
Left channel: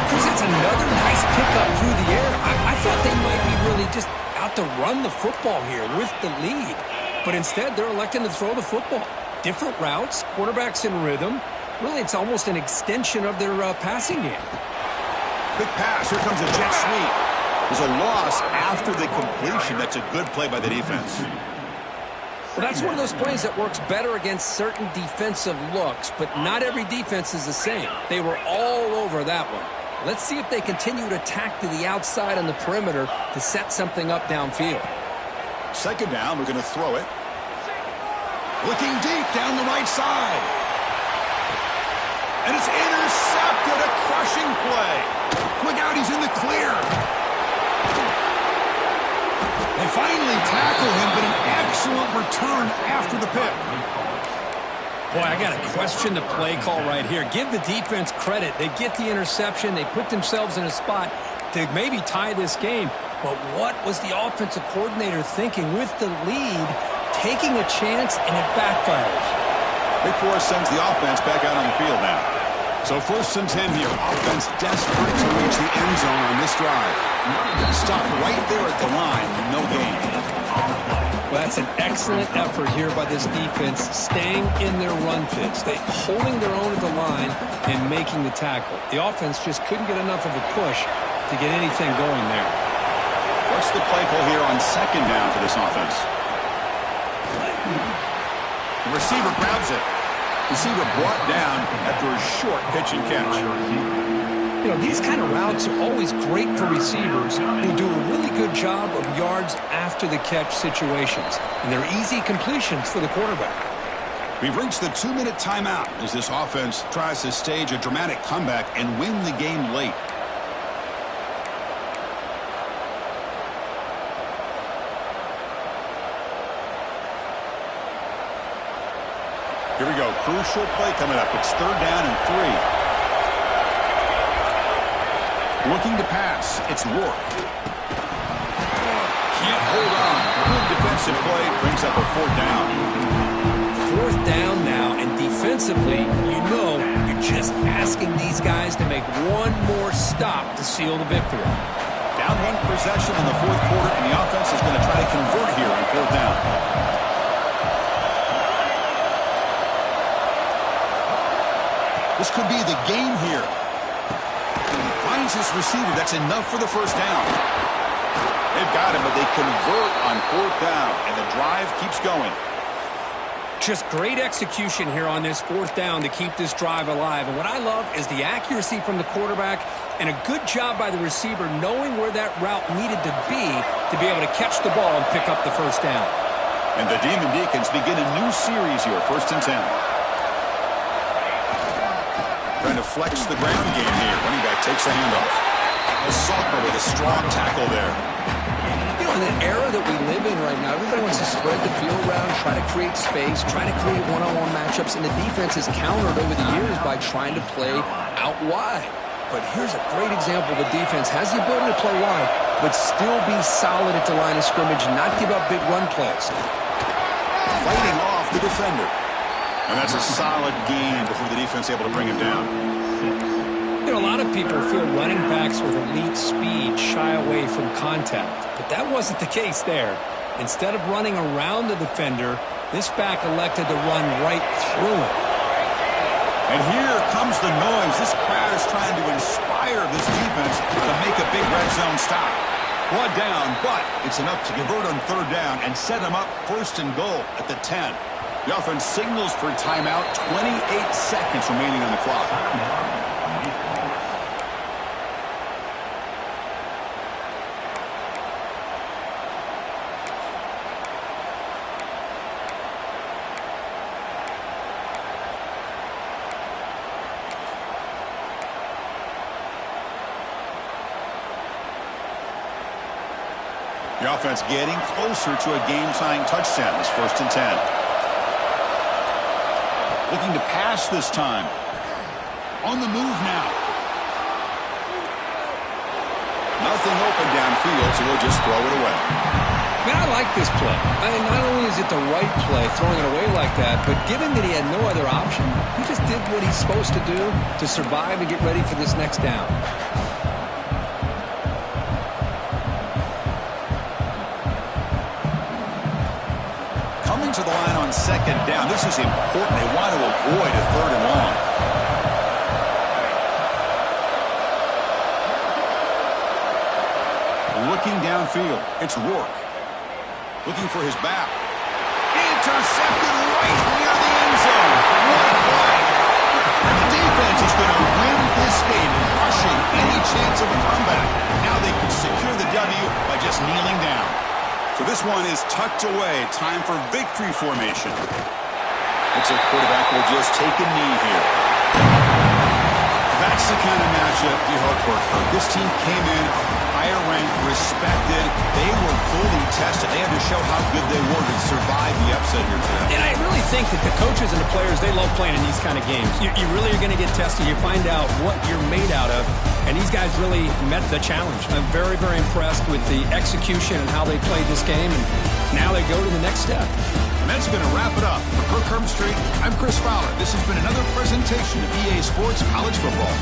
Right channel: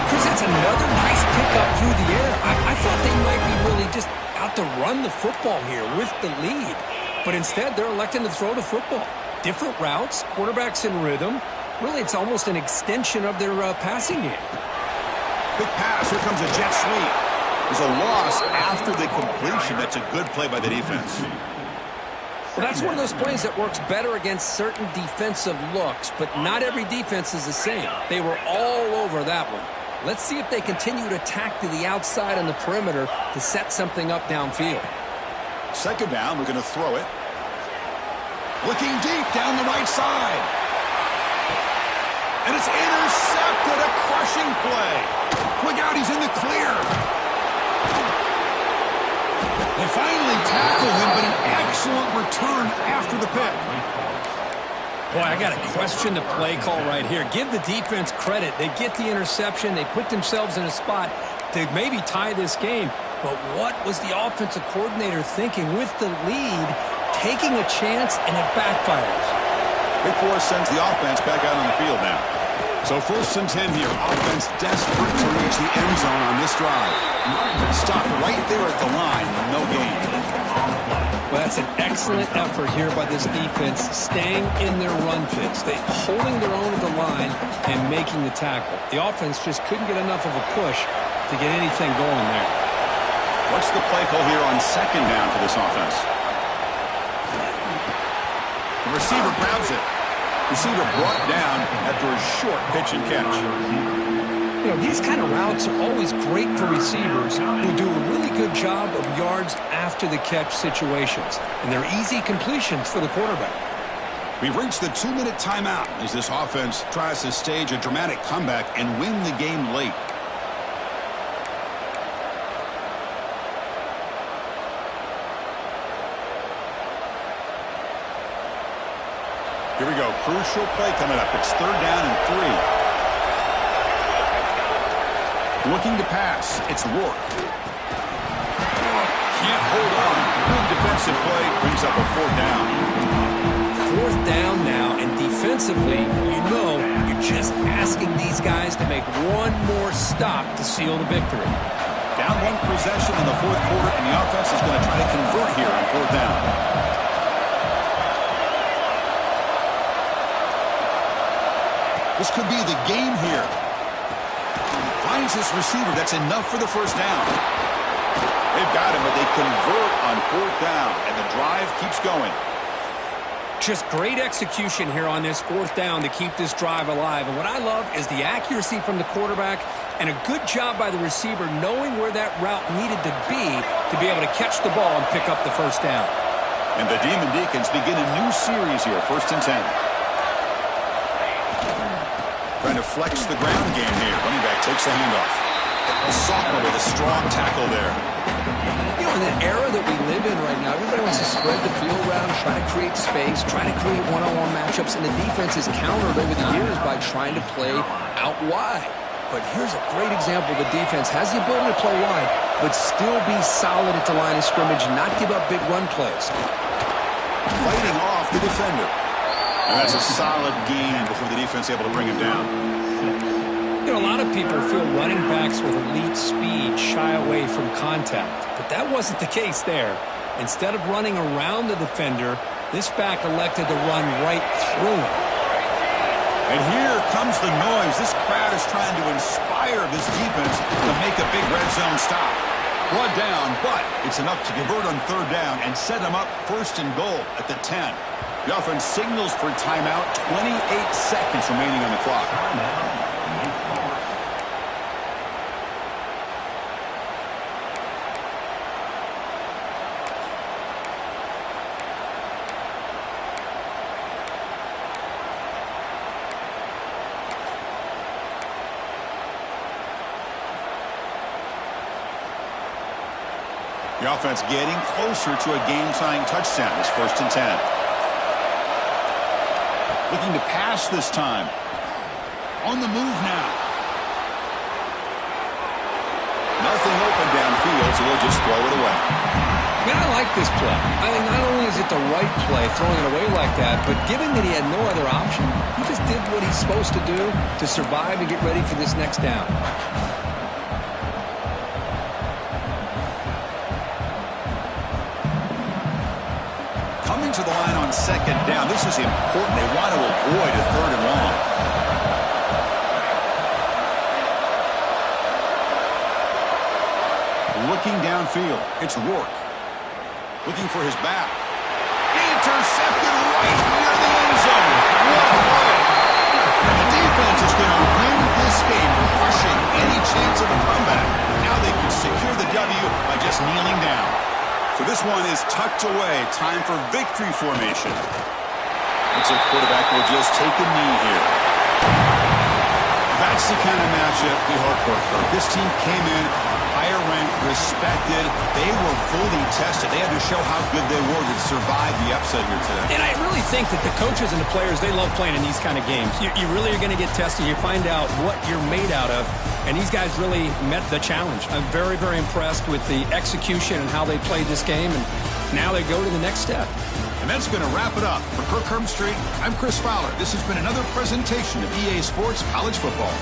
Chris, it's another nice pickup through the air. I thought they might be really just out to run the football here with the lead. But instead, they're electing to throw the football. Different routes, quarterbacks in rhythm. Really, it's almost an extension of their passing game. Quick pass. Here comes a jet sweep. There's a loss after the completion. That's a good play by the defense. Well, that's one of those plays that works better against certain defensive looks, but not every defense is the same. They were all over that one. Let's see if they continue to attack to the outside on the perimeter to set something up downfield. 2nd down, we're going to throw it. Looking deep down the right side. And it's intercepted, a crushing play. Look out, he's in the clear. They finally tackle him, but an excellent return after the pick. Boy, I got to question the play call right here. Give the defense credit. They get the interception. They put themselves in a spot to maybe tie this game. But what was the offensive coordinator thinking with the lead, taking a chance, and it backfires? Wake Forest sends the offense back out on the field now. So 1st and 10 here. Offense desperate to reach the end zone on this drive. Stopped right there at the line. No gain. Well, that's an excellent effort here by this defense, staying in their run fits. They holding their own at the line and making the tackle. The offense just couldn't get enough of a push to get anything going there. What's the play call here on 2nd down for this offense? The receiver grabs it. Receiver brought down after a short pitch and catch. You know, these kind of routes are always great for receivers who do a really good job of yards after the catch situations. And they're easy completions for the quarterback. We've reached the 2-minute timeout as this offense tries to stage a dramatic comeback and win the game late. Here we go. Crucial play coming up. It's 3rd down and 3. Looking to pass. It's Rourke. Can't hold on. Good defensive play. Brings up a 4th down. 4th down now, and defensively, you know, you're just asking these guys to make one more stop to seal the victory. Down 1 possession in the 4th quarter, and the offense is going to try to convert here on 4th down. This could be the game here. Finds his receiver. That's enough for the 1st down. They've got him, but they convert on 4th down, and the drive keeps going. Just great execution here on this 4th down to keep this drive alive. And what I love is the accuracy from the quarterback and a good job by the receiver knowing where that route needed to be able to catch the ball and pick up the 1st down. And the Demon Deacons begin a new series here, 1st and 10. Trying to flex the ground game here. Running back takes the handoff. Saltner with a strong tackle there. You know, in the era that we live in right now, everybody wants to spread the field around, try to create space, try to create one-on-one matchups, and the defense is countered over the years by trying to play out wide. But here's a great example. The defense has the ability to play wide, but still be solid at the line of scrimmage, not give up big run plays. Fighting off the defender. And that's a solid gain before the defense able to bring him down. You know, a lot of people feel running backs with elite speed shy away from contact, but that wasn't the case there. Instead of running around the defender, this back elected to run right through him. And here comes the noise. This crowd is trying to inspire this defense to make a big red zone stop. Brought down, but it's enough to convert on 3rd down and set them up 1st and goal at the 10. The offense signals for timeout. 28 seconds remaining on the clock. The offense getting closer to a game-tying touchdown. This 1st and 10. Looking to pass this time. On the move now. Nothing open downfield, so they'll just throw it away. Man, I like this play. I mean, not only is it the right play, throwing it away like that, but given that he had no other option, he just did what he's supposed to do to survive and get ready for this next down. Coming to the line on 2nd down. This is important. They want to avoid a 3rd and long. Looking downfield. It's Rourke. Looking for his back. Intercepted right near the end zone. What a play. And the defense is going to win this game, crushing any chance of a comeback. Now they can secure the W by just kneeling down. So this one is tucked away. Time for victory formation. Looks like the quarterback will just take a knee here. That That's the kind of matchup you hope for, Kirk. This team came in higher ranked, respected. They were fully tested. They had to show how good they were to survive the upset here today. And I really think that the coaches and the players, they love playing in these kind of games. You really are going to get tested. You find out what you're made out of. And these guys really met the challenge. I'm very, very impressed with the execution and how they played this game. And now they go to the next step. And that's going to wrap it up. For Kirk Herbstreit, I'm Chris Fowler. This has been another presentation of EA Sports College Football.